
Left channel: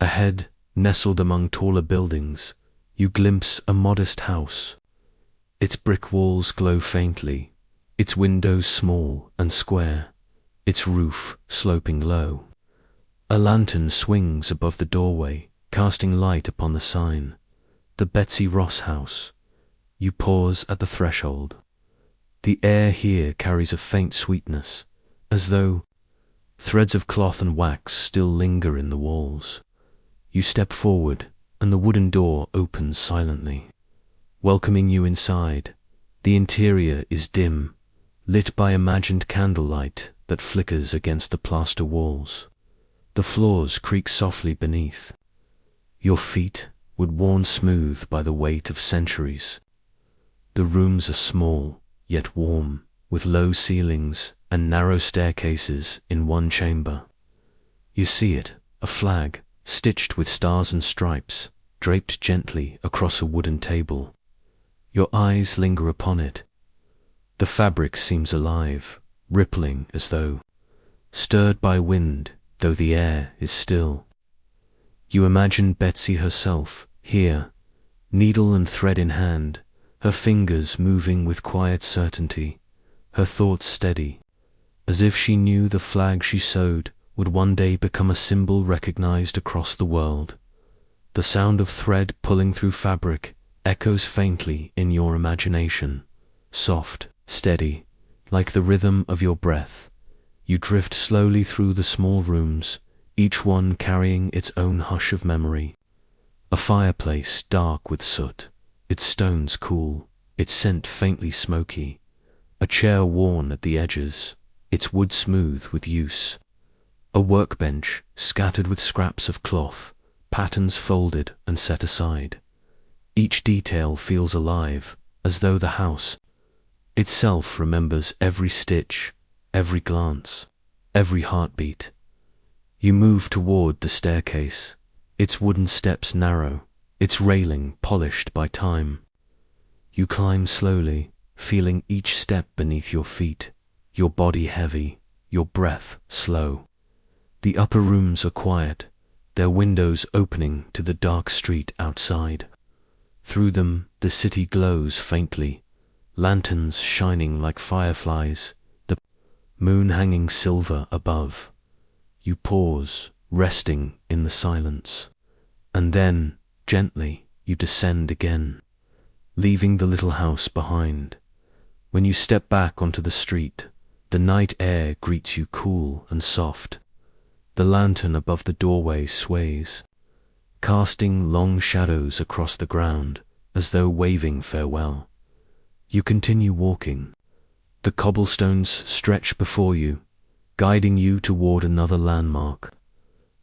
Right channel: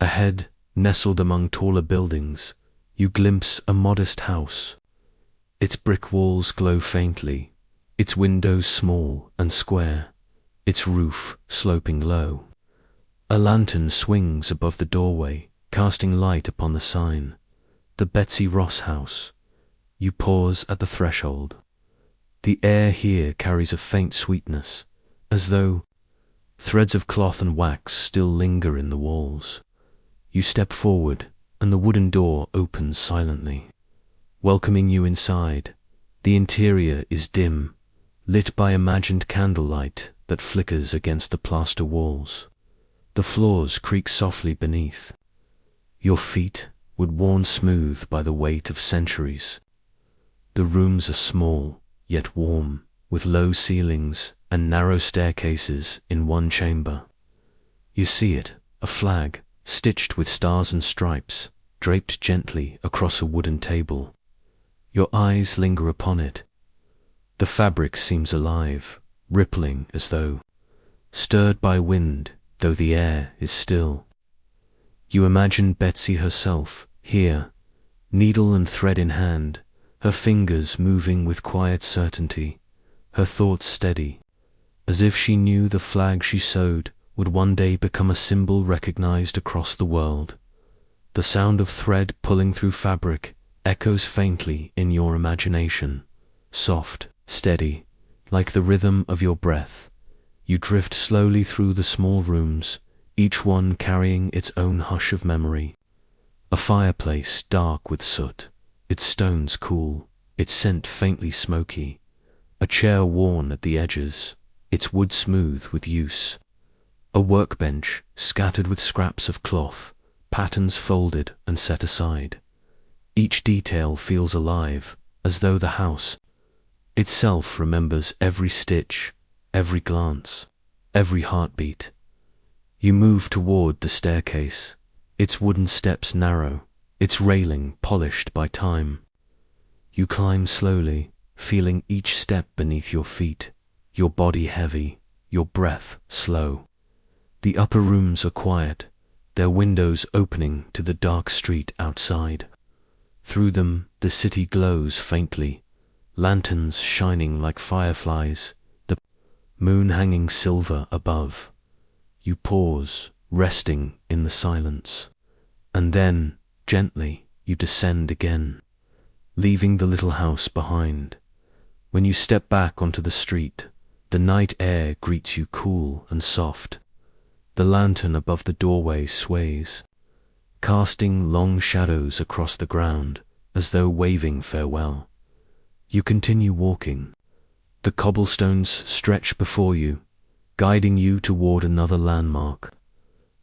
Ahead, nestled among taller buildings, you glimpse a modest house. Its brick walls glow faintly, its windows small and square, its roof sloping low. A lantern swings above the doorway, casting light upon the sign, the Betsy Ross house. You pause at the threshold. The air here carries a faint sweetness, as though threads of cloth and wax still linger in the walls. You step forward, and the wooden door opens silently, welcoming you inside. The interior is dim, lit by imagined candlelight that flickers against the plaster walls. The floors creak softly beneath, your feet would worn smooth by the weight of centuries. The rooms are small, yet warm, with low ceilings and narrow staircases in one chamber. You see it, a flag, stitched with stars and stripes, draped gently across a wooden table. Your eyes linger upon it. The fabric seems alive, rippling as though stirred by wind, though the air is still. You imagine Betsy herself, here, needle and thread in hand, her fingers moving with quiet certainty, her thoughts steady, as if she knew the flag she sewed would one day become a symbol recognized across the world. The sound of thread pulling through fabric echoes faintly in your imagination, soft, steady, like the rhythm of your breath. You drift slowly through the small rooms, each one carrying its own hush of memory. A fireplace dark with soot, its stones cool, its scent faintly smoky. A chair worn at the edges, its wood smooth with use. A workbench scattered with scraps of cloth, patterns folded and set aside. Each detail feels alive, as though the house itself remembers every stitch, every glance, every heartbeat. You move toward the staircase, its wooden steps narrow, its railing polished by time. You climb slowly, feeling each step beneath your feet, your body heavy, your breath slow. The upper rooms are quiet, their windows opening to the dark street outside. Through them the city glows faintly, lanterns shining like fireflies, the moon hanging silver above. You pause, resting in the silence, and then, gently, you descend again, leaving the little house behind. When you step back onto the street, the night air greets you cool and soft. The lantern above the doorway sways, casting long shadows across the ground as though waving farewell. You continue walking. The cobblestones stretch before you, guiding you toward another landmark,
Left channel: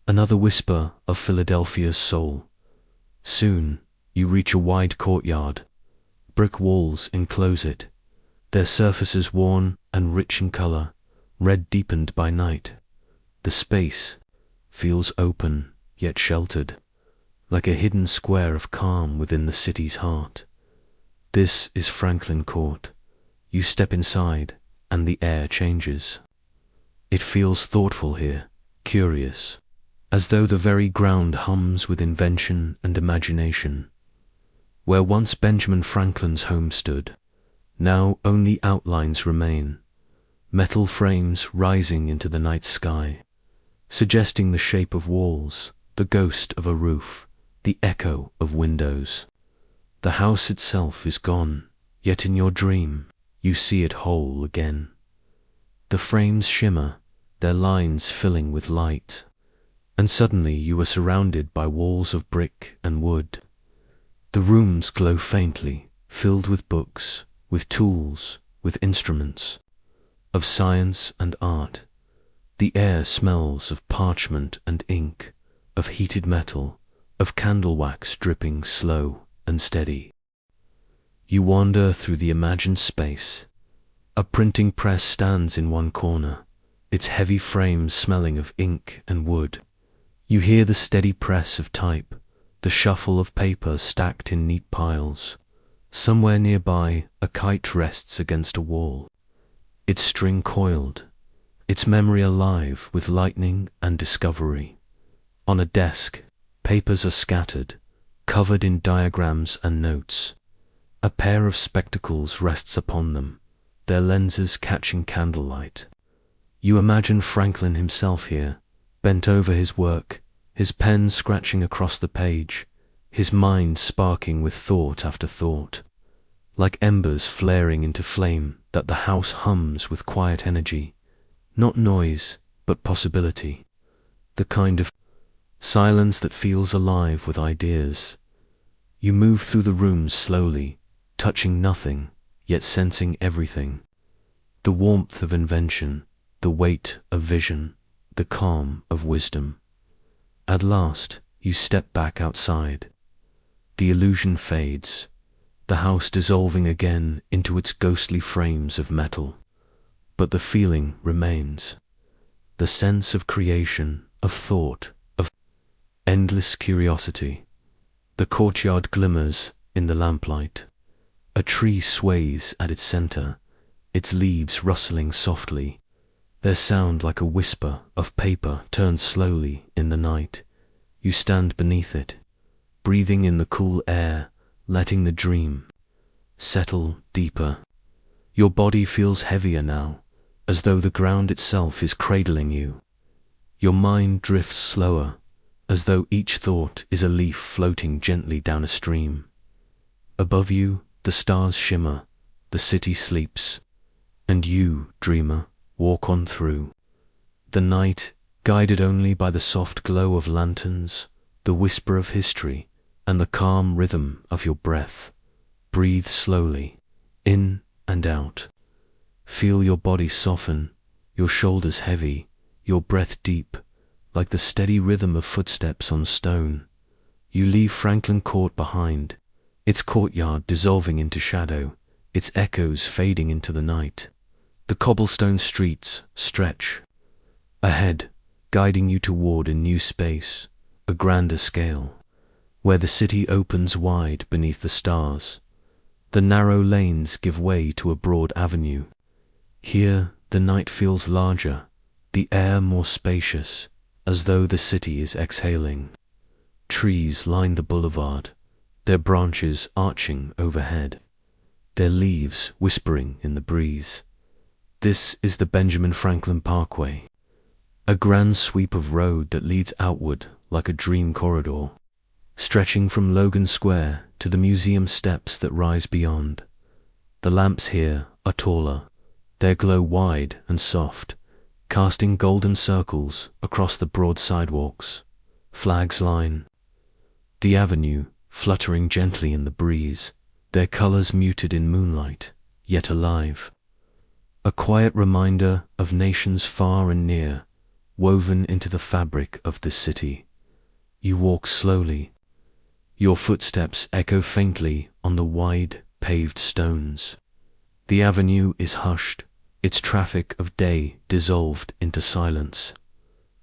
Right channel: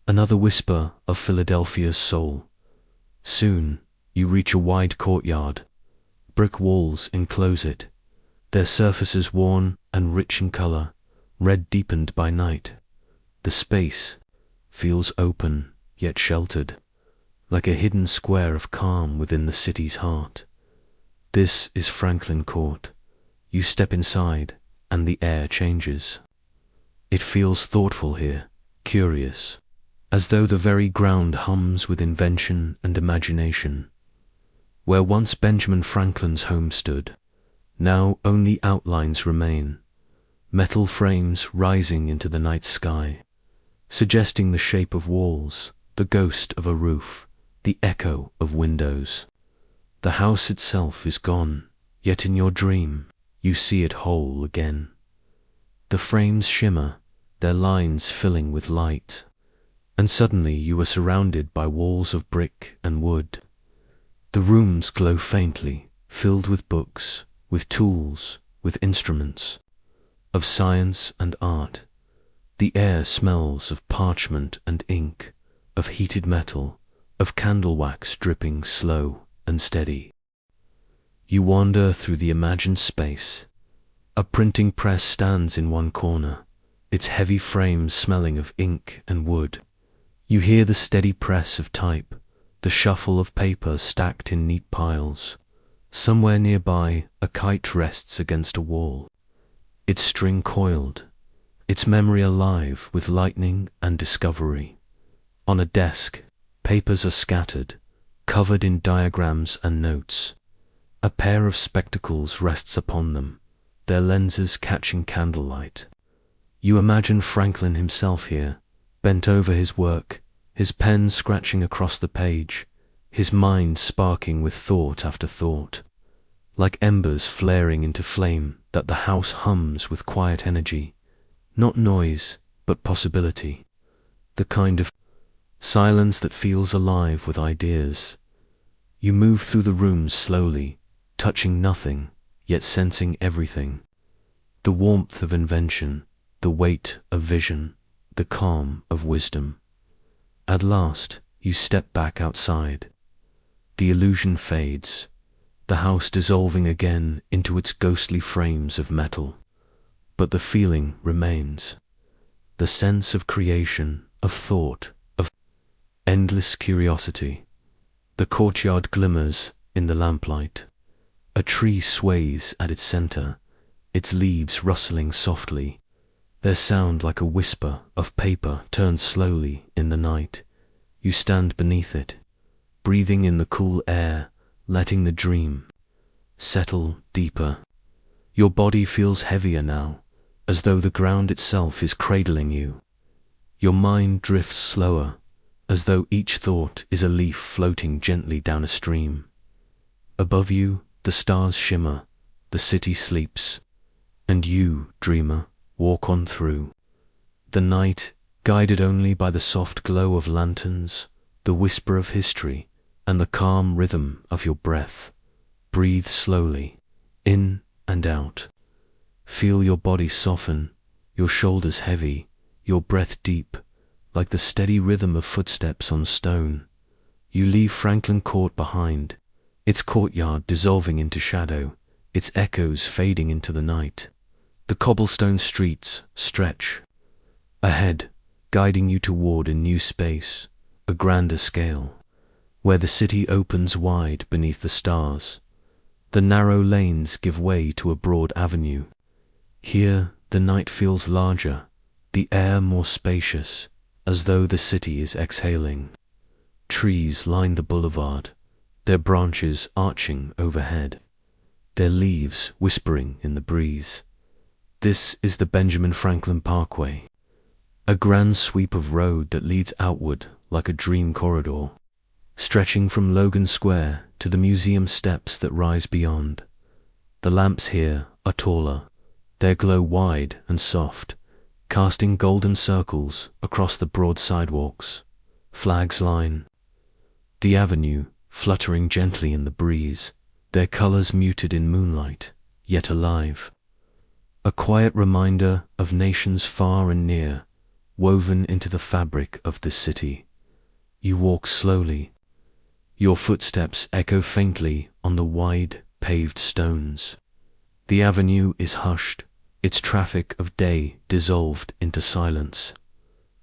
another whisper of Philadelphia's soul. Soon, you reach a wide courtyard. Brick walls enclose it, their surfaces worn and rich in color, red deepened by night. The space feels open yet sheltered, like a hidden square of calm within the city's heart. This is Franklin Court. You step inside, and the air changes. It feels thoughtful here, curious, as though the very ground hums with invention and imagination. Where once Benjamin Franklin's home stood, now only outlines remain, metal frames rising into the night sky, suggesting the shape of walls, the ghost of a roof, the echo of windows. The house itself is gone, yet in your dream, you see it whole again. The frames shimmer, their lines filling with light, and suddenly you are surrounded by walls of brick and wood. The rooms glow faintly, filled with books, with tools, with instruments, of science and art. The air smells of parchment and ink, of heated metal, of candle wax dripping slow and steady. You wander through the imagined space. A printing press stands in one corner, its heavy frame smelling of ink and wood. You hear the steady press of type, the shuffle of paper stacked in neat piles. Somewhere nearby, a kite rests against a wall, its string coiled, its memory alive with lightning and discovery. On a desk, papers are scattered, covered in diagrams and notes. A pair of spectacles rests upon them, their lenses catching candlelight. You imagine Franklin himself here, bent over his work, his pen scratching across the page, his mind sparking with thought after thought. Like embers flaring into flame that the house hums with quiet energy, not noise, but possibility. The kind of silence that feels alive with ideas. You move through the rooms slowly, touching nothing, yet sensing everything. The warmth of invention, the weight of vision, the calm of wisdom. At last, you step back outside. The illusion fades, the house dissolving again into its ghostly frames of metal. But the feeling remains. The sense of creation, of thought, of endless curiosity. The courtyard glimmers in the lamplight. A tree sways at its center, its leaves rustling softly, their sound like a whisper of paper turned slowly in the night. You stand beneath it, breathing in the cool air, letting the dream settle deeper. Your body feels heavier now, as though the ground itself is cradling you. Your mind drifts slower, as though each thought is a leaf floating gently down a stream. Above you, the stars shimmer, the city sleeps, and you, dreamer, walk on through. The night, guided only by the soft glow of lanterns, the whisper of history, and the calm rhythm of your breath. Breathe slowly, in and out. Feel your body soften, your shoulders heavy, your breath deep, like the steady rhythm of footsteps on stone. You leave Franklin Court behind, its courtyard dissolving into shadow, its echoes fading into the night. The cobblestone streets stretch ahead, guiding you toward a new space, a grander scale, where the city opens wide beneath the stars. The narrow lanes give way to a broad avenue. Here the night feels larger, the air more spacious, as though the city is exhaling. Trees line the boulevard, their branches arching overhead, their leaves whispering in the breeze. This is the Benjamin Franklin Parkway, a grand sweep of road that leads outward like a dream corridor, stretching from Logan Square to the museum steps that rise beyond. The lamps here are taller, their glow wide and soft, casting golden circles across the broad sidewalks. Flags line the avenue, fluttering gently in the breeze, their colors muted in moonlight, yet alive. A quiet reminder of nations far and near, woven into the fabric of this city. You walk slowly. Your footsteps echo faintly on the wide, paved stones. The avenue is hushed, its traffic of day dissolved into silence.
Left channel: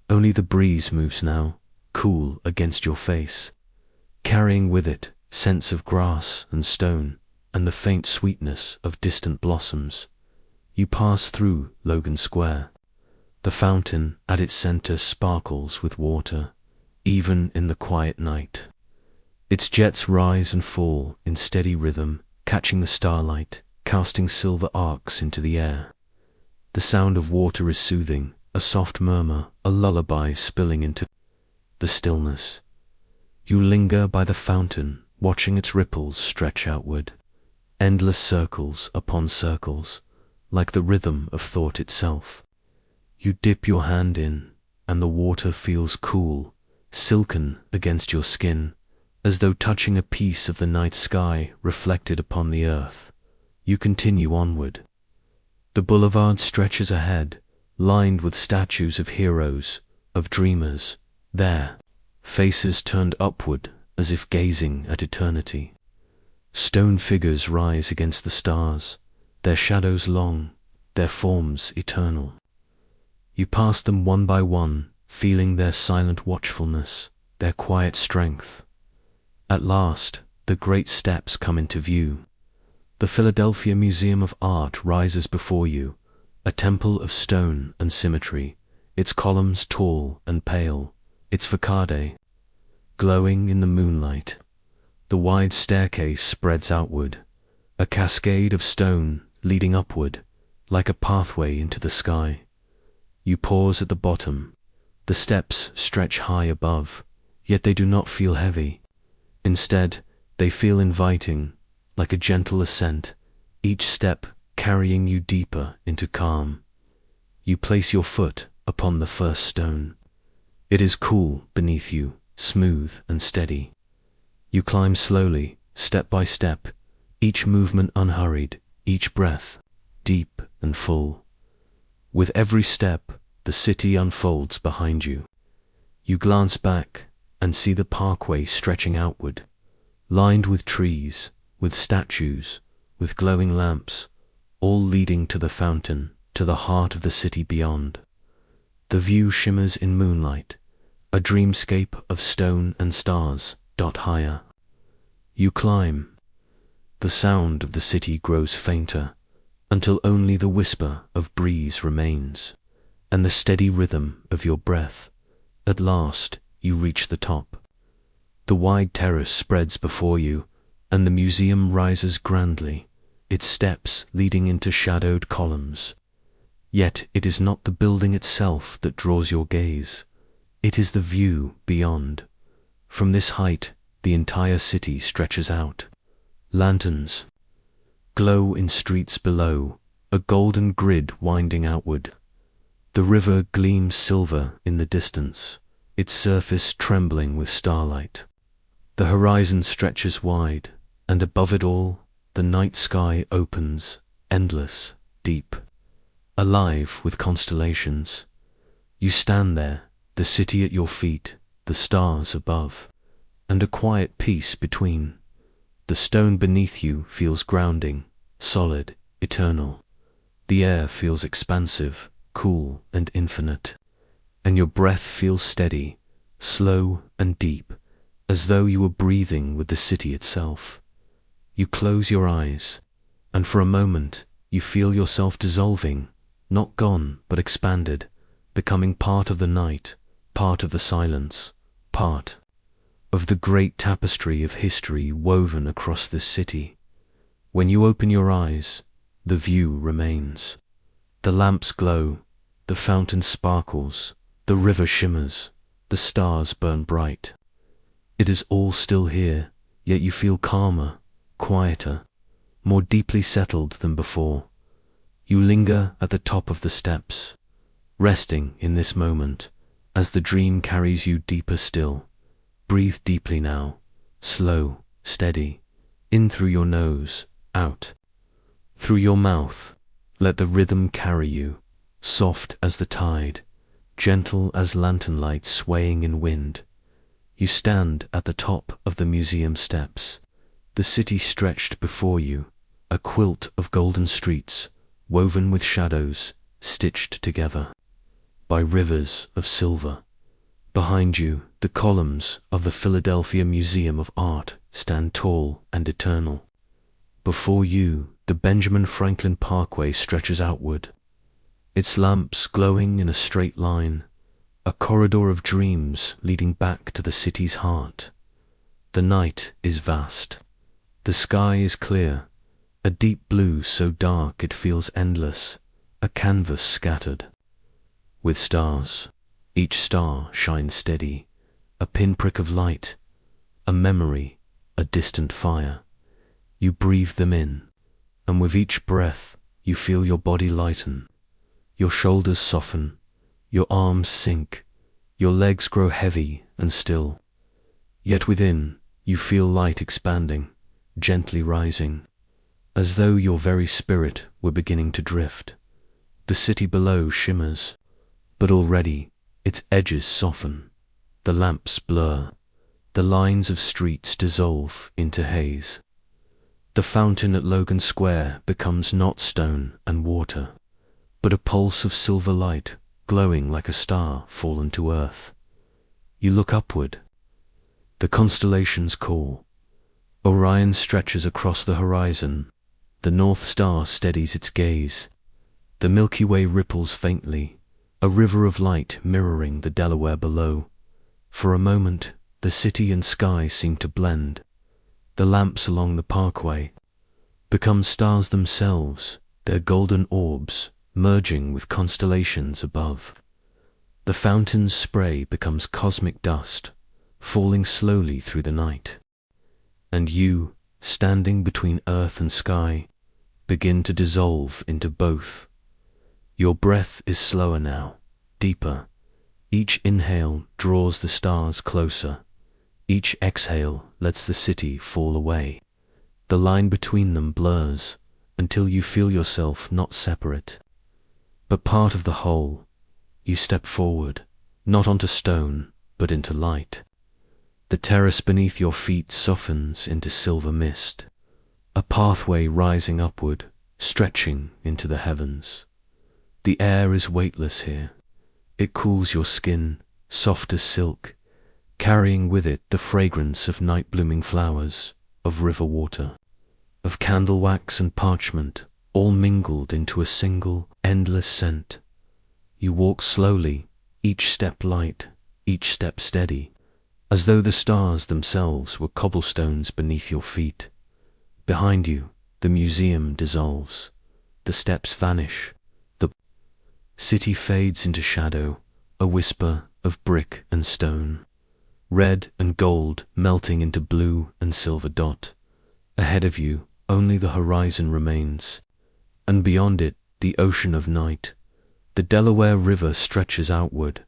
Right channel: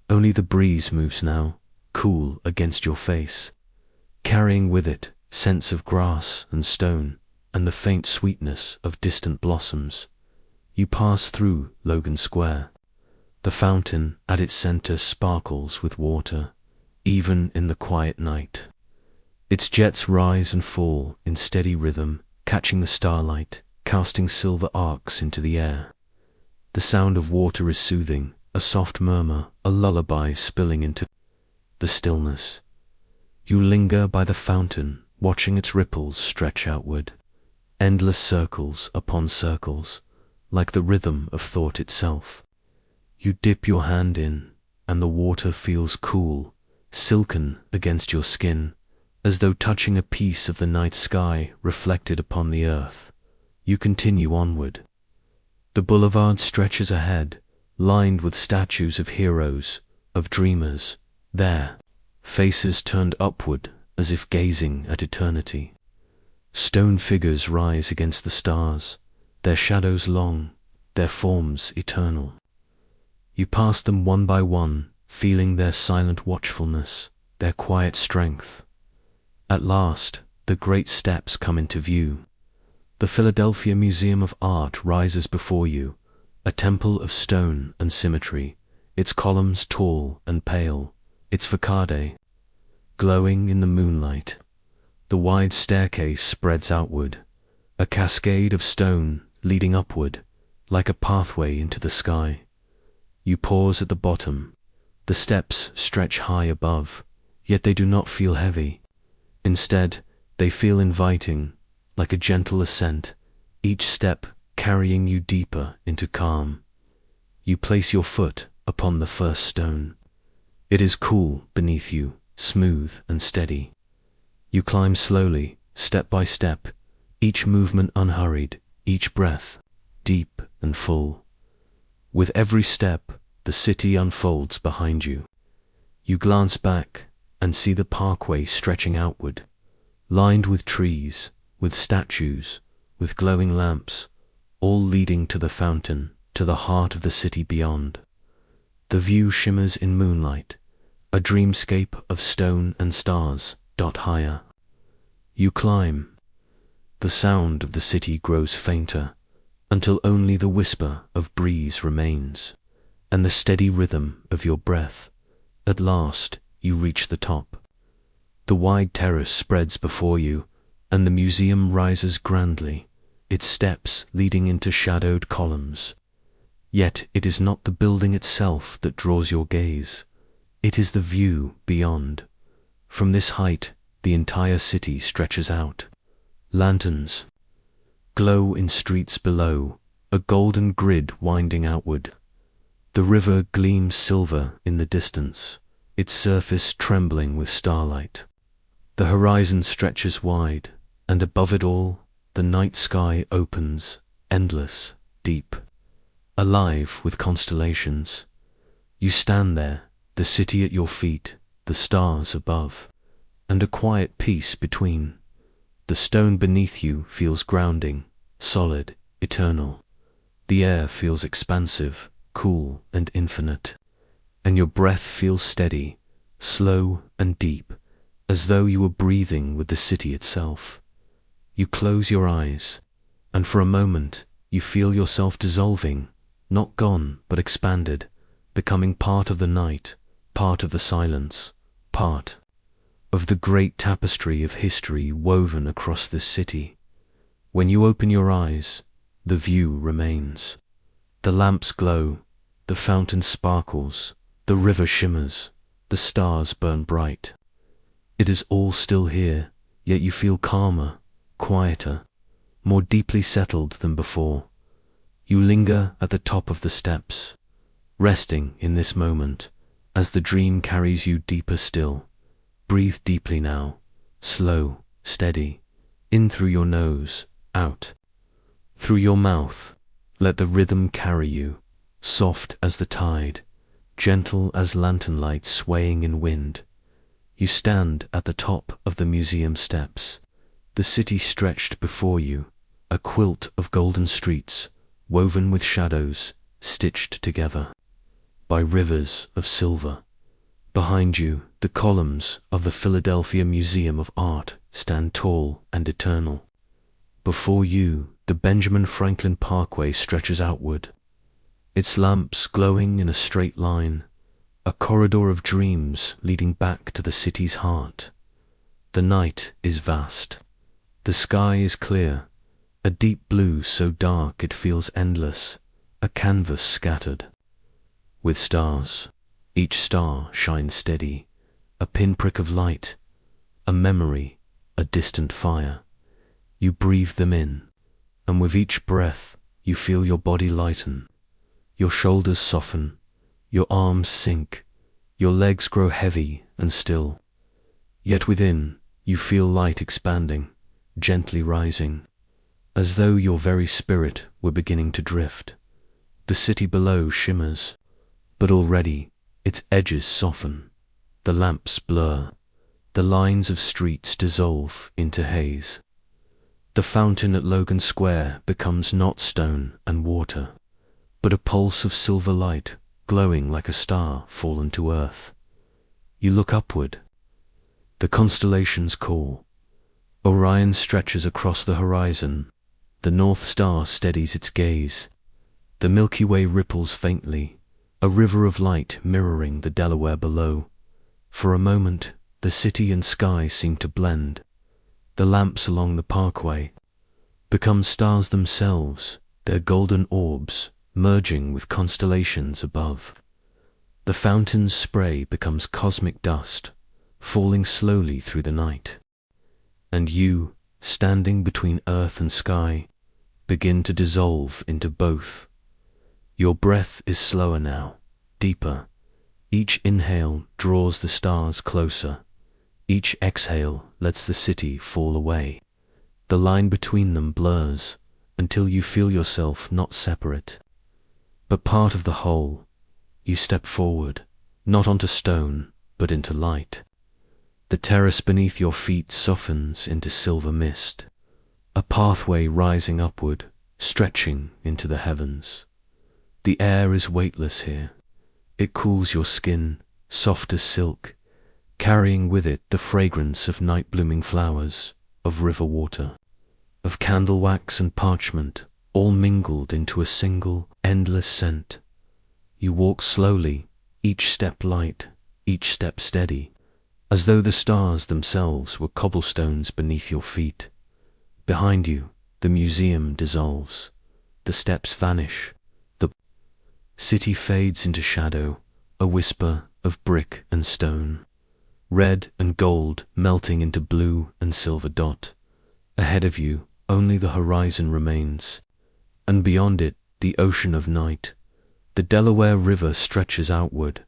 Only the breeze moves now, cool against your face, carrying with it scents of grass and stone and the faint sweetness of distant blossoms. You pass through Logan Square. The fountain at its center sparkles with water, even in the quiet night. Its jets rise and fall in steady rhythm, catching the starlight, casting silver arcs into the air. The sound of water is soothing, a soft murmur, a lullaby spilling into the stillness. You linger by the fountain, watching its ripples stretch outward, endless circles upon circles, like the rhythm of thought itself. You dip your hand in, and the water feels cool, silken against your skin, as though touching a piece of the night sky reflected upon the earth. You continue onward. The boulevard stretches ahead, lined with statues of heroes, of dreamers, there, faces turned upward as if gazing at eternity. Stone figures rise against the stars, their shadows long, their forms eternal. You pass them one by one, feeling their silent watchfulness, their quiet strength. At last, the great steps come into view. The Philadelphia Museum of Art rises before you, a temple of stone and symmetry, its columns tall and pale, its facade glowing in the moonlight. The wide staircase spreads outward, a cascade of stone leading upward, like a pathway into the sky. You pause at the bottom. The steps stretch high above, yet they do not feel heavy. Instead, they feel inviting, like a gentle ascent, each step carrying you deeper into calm. You place your foot upon the first stone. It is cool beneath you, smooth and steady. You climb slowly, step by step, each movement unhurried, each breath deep and full. With every step, the city unfolds behind you. You glance back and see the parkway stretching outward, lined with trees, with statues, with glowing lamps, all leading to the fountain, to the heart of the city beyond. The view shimmers in moonlight, a dreamscape of stone and stars dot higher. You climb. The sound of the city grows fainter, until only the whisper of breeze remains, and the steady rhythm of your breath. At last, you reach the top. The wide terrace spreads before you, and the museum rises grandly, its steps leading into shadowed columns. Yet it is not the building itself that draws your gaze. It is the view beyond. From this height, the entire city stretches out. Lanterns glow in streets below, a golden grid winding outward. The river gleams silver in the distance, its surface trembling with starlight. The horizon stretches wide, and above it all, the night sky opens, endless, deep, alive with constellations. You stand there, the city at your feet, the stars above, and a quiet peace between. The stone beneath you feels grounding, solid, eternal. The air feels expansive, cool and infinite, and your breath feels steady, slow and deep, as though you were breathing with the city itself. You close your eyes, and for a moment you feel yourself dissolving, not gone but expanded, becoming part of the night, part of the silence, part of the great tapestry of history woven across this city. When you open your eyes, the view remains. The lamps glow, the fountain sparkles, the river shimmers, the stars burn bright. It is all still here, yet you feel calmer, quieter, more deeply settled than before. You linger at the top of the steps, resting in this moment, as the dream carries you deeper still. Breathe deeply now, slow, steady, in through your nose, out through your mouth. Let the rhythm carry you, soft as the tide, gentle as lantern light swaying in wind. You stand at the top of the museum steps, the city stretched before you, a quilt of golden streets, woven with shadows, stitched together by rivers of silver. Behind you, the columns of the Philadelphia Museum of Art stand tall and eternal. Before you, the Benjamin Franklin Parkway stretches outward, its lamps glowing in a straight line, a corridor of dreams leading back to the city's heart. The night is vast. The sky is clear, a deep blue so dark it feels endless, a canvas scattered with stars. Each star shines steady, a pinprick of light, a memory, a distant fire. You breathe them in, and with each breath you feel your body lighten. Your shoulders soften, your arms sink, your legs grow heavy and still. Yet within you feel light expanding, gently rising, as though your very spirit were beginning to drift. The city below shimmers, but already its edges soften, the lamps blur, the lines of streets dissolve into haze. The fountain at Logan Square becomes not stone and water, but a pulse of silver light glowing like a star fallen to earth. You look upward. The constellations call. Orion stretches across the horizon. The North Star steadies its gaze. The Milky Way ripples faintly, a river of light mirroring the Delaware below. For a moment, the city and sky seem to blend. The lamps along the Parkway become stars themselves, their golden orbs merging with constellations above. The fountain's spray becomes cosmic dust, falling slowly through the night. And you, standing between earth and sky, begin to dissolve into both. Your breath is slower now, deeper. Each inhale draws the stars closer. Each exhale lets the city fall away. The line between them blurs until you feel yourself not separate, but part of the whole. You step forward, not onto stone, but into light. The terrace beneath your feet softens into silver mist, a pathway rising upward, stretching into the heavens. The air is weightless here. It cools your skin, soft as silk, carrying with it the fragrance of night-blooming flowers, of river water, of candle wax and parchment, all mingled into a single, endless scent. You walk slowly, each step light, each step steady, as though the stars themselves were cobblestones beneath your feet. Behind you, the museum dissolves. The steps vanish. The city fades into shadow, a whisper of brick and stone, red and gold melting into blue and silver dot. Ahead of you, only the horizon remains, and beyond it, the ocean of night. The The Delaware River stretches outward,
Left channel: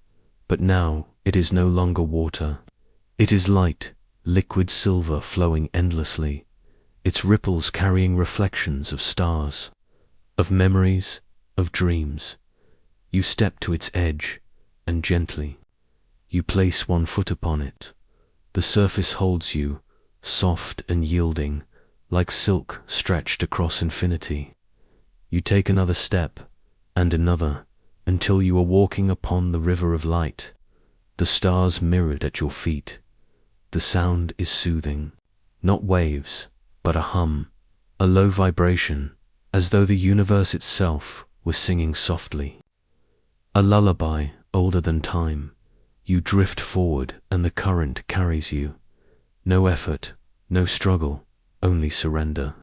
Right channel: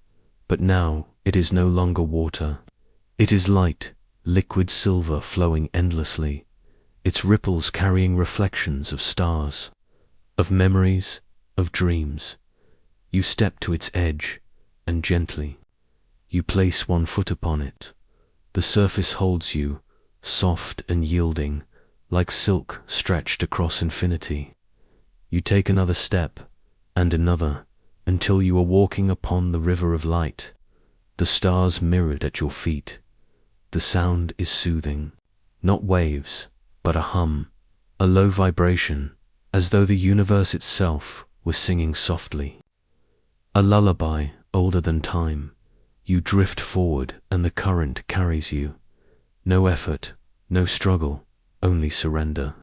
but now it is no longer water. It is light, liquid silver flowing endlessly, its ripples carrying reflections of stars, of memories, of dreams. You step to its edge, and gently, you place one foot upon it. The surface holds you, soft and yielding, like silk stretched across infinity. You take another step, and another, until you are walking upon the river of light, the stars mirrored at your feet. The sound is soothing, not waves, but a hum, a low vibration, as though the universe itself were singing softly. A lullaby older than time. You drift forward and the current carries you. No effort, no struggle, only surrender.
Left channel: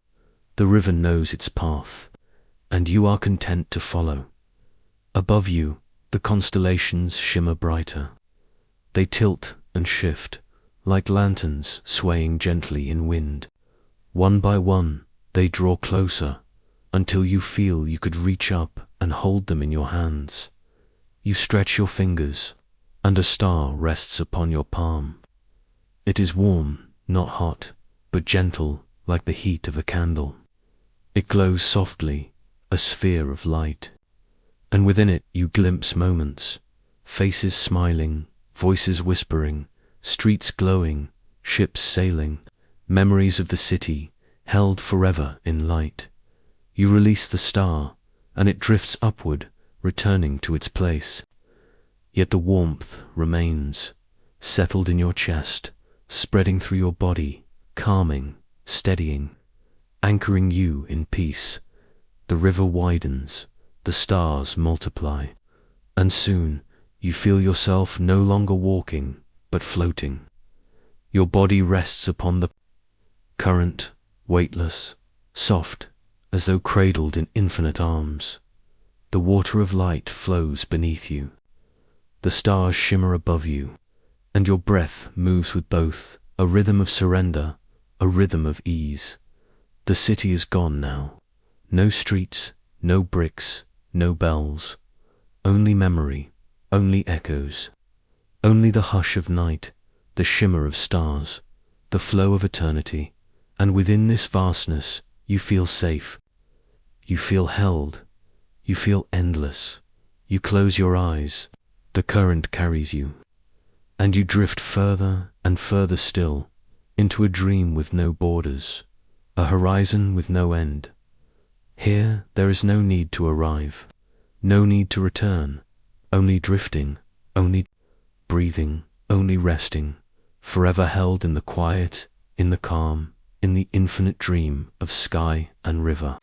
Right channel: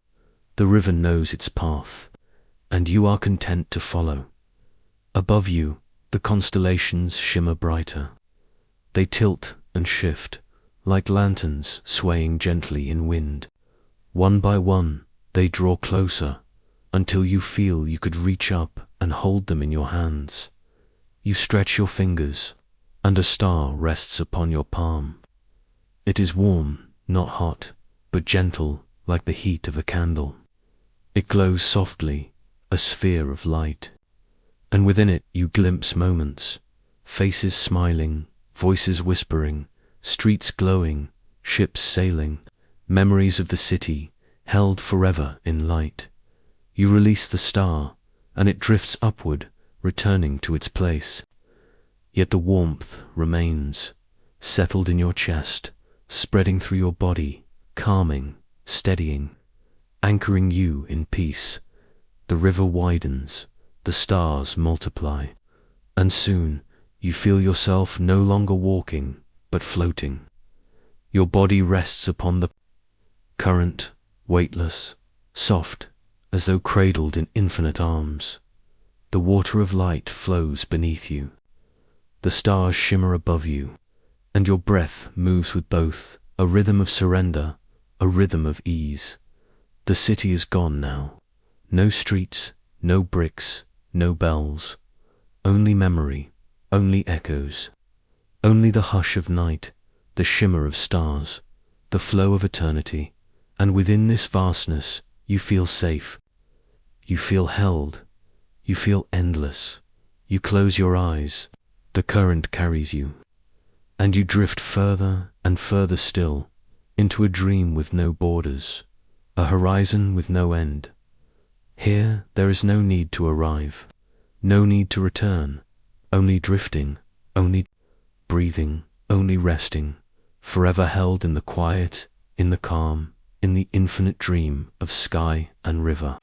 The river knows its path, and you are content to follow. Above you, the constellations shimmer brighter. They tilt and shift, like lanterns swaying gently in wind. One by one, they draw closer, until you feel you could reach up and hold them in your hands. You stretch your fingers, and a star rests upon your palm. It is warm, not hot, but gentle, like the heat of a candle. It glows softly, a sphere of light. And within it you glimpse moments, faces smiling, voices whispering, streets glowing, ships sailing, memories of the city held forever in light. You release the star, and it drifts upward, returning to its place. Yet the warmth remains, settled in your chest, spreading through your body, calming, steadying, anchoring you in peace. The river widens, the stars multiply, and soon you feel yourself no longer walking, but floating. Your body rests upon the current, weightless, soft, as though cradled in infinite arms. The water of light flows beneath you. The stars shimmer above you, and your breath moves with both, a rhythm of surrender, a rhythm of ease. The city is gone now. No streets, no bricks, no bells. Only memory, only echoes. Only the hush of night, the shimmer of stars, the flow of eternity. And within this vastness, you feel safe. You feel held. You feel endless. You close your eyes. The current carries you, and you drift further and further still, into a dream with no borders, a horizon with no end. Here there is no need to arrive, no need to return, only drifting, only breathing, only resting, forever held in the quiet, in the calm, in the infinite dream of sky and river.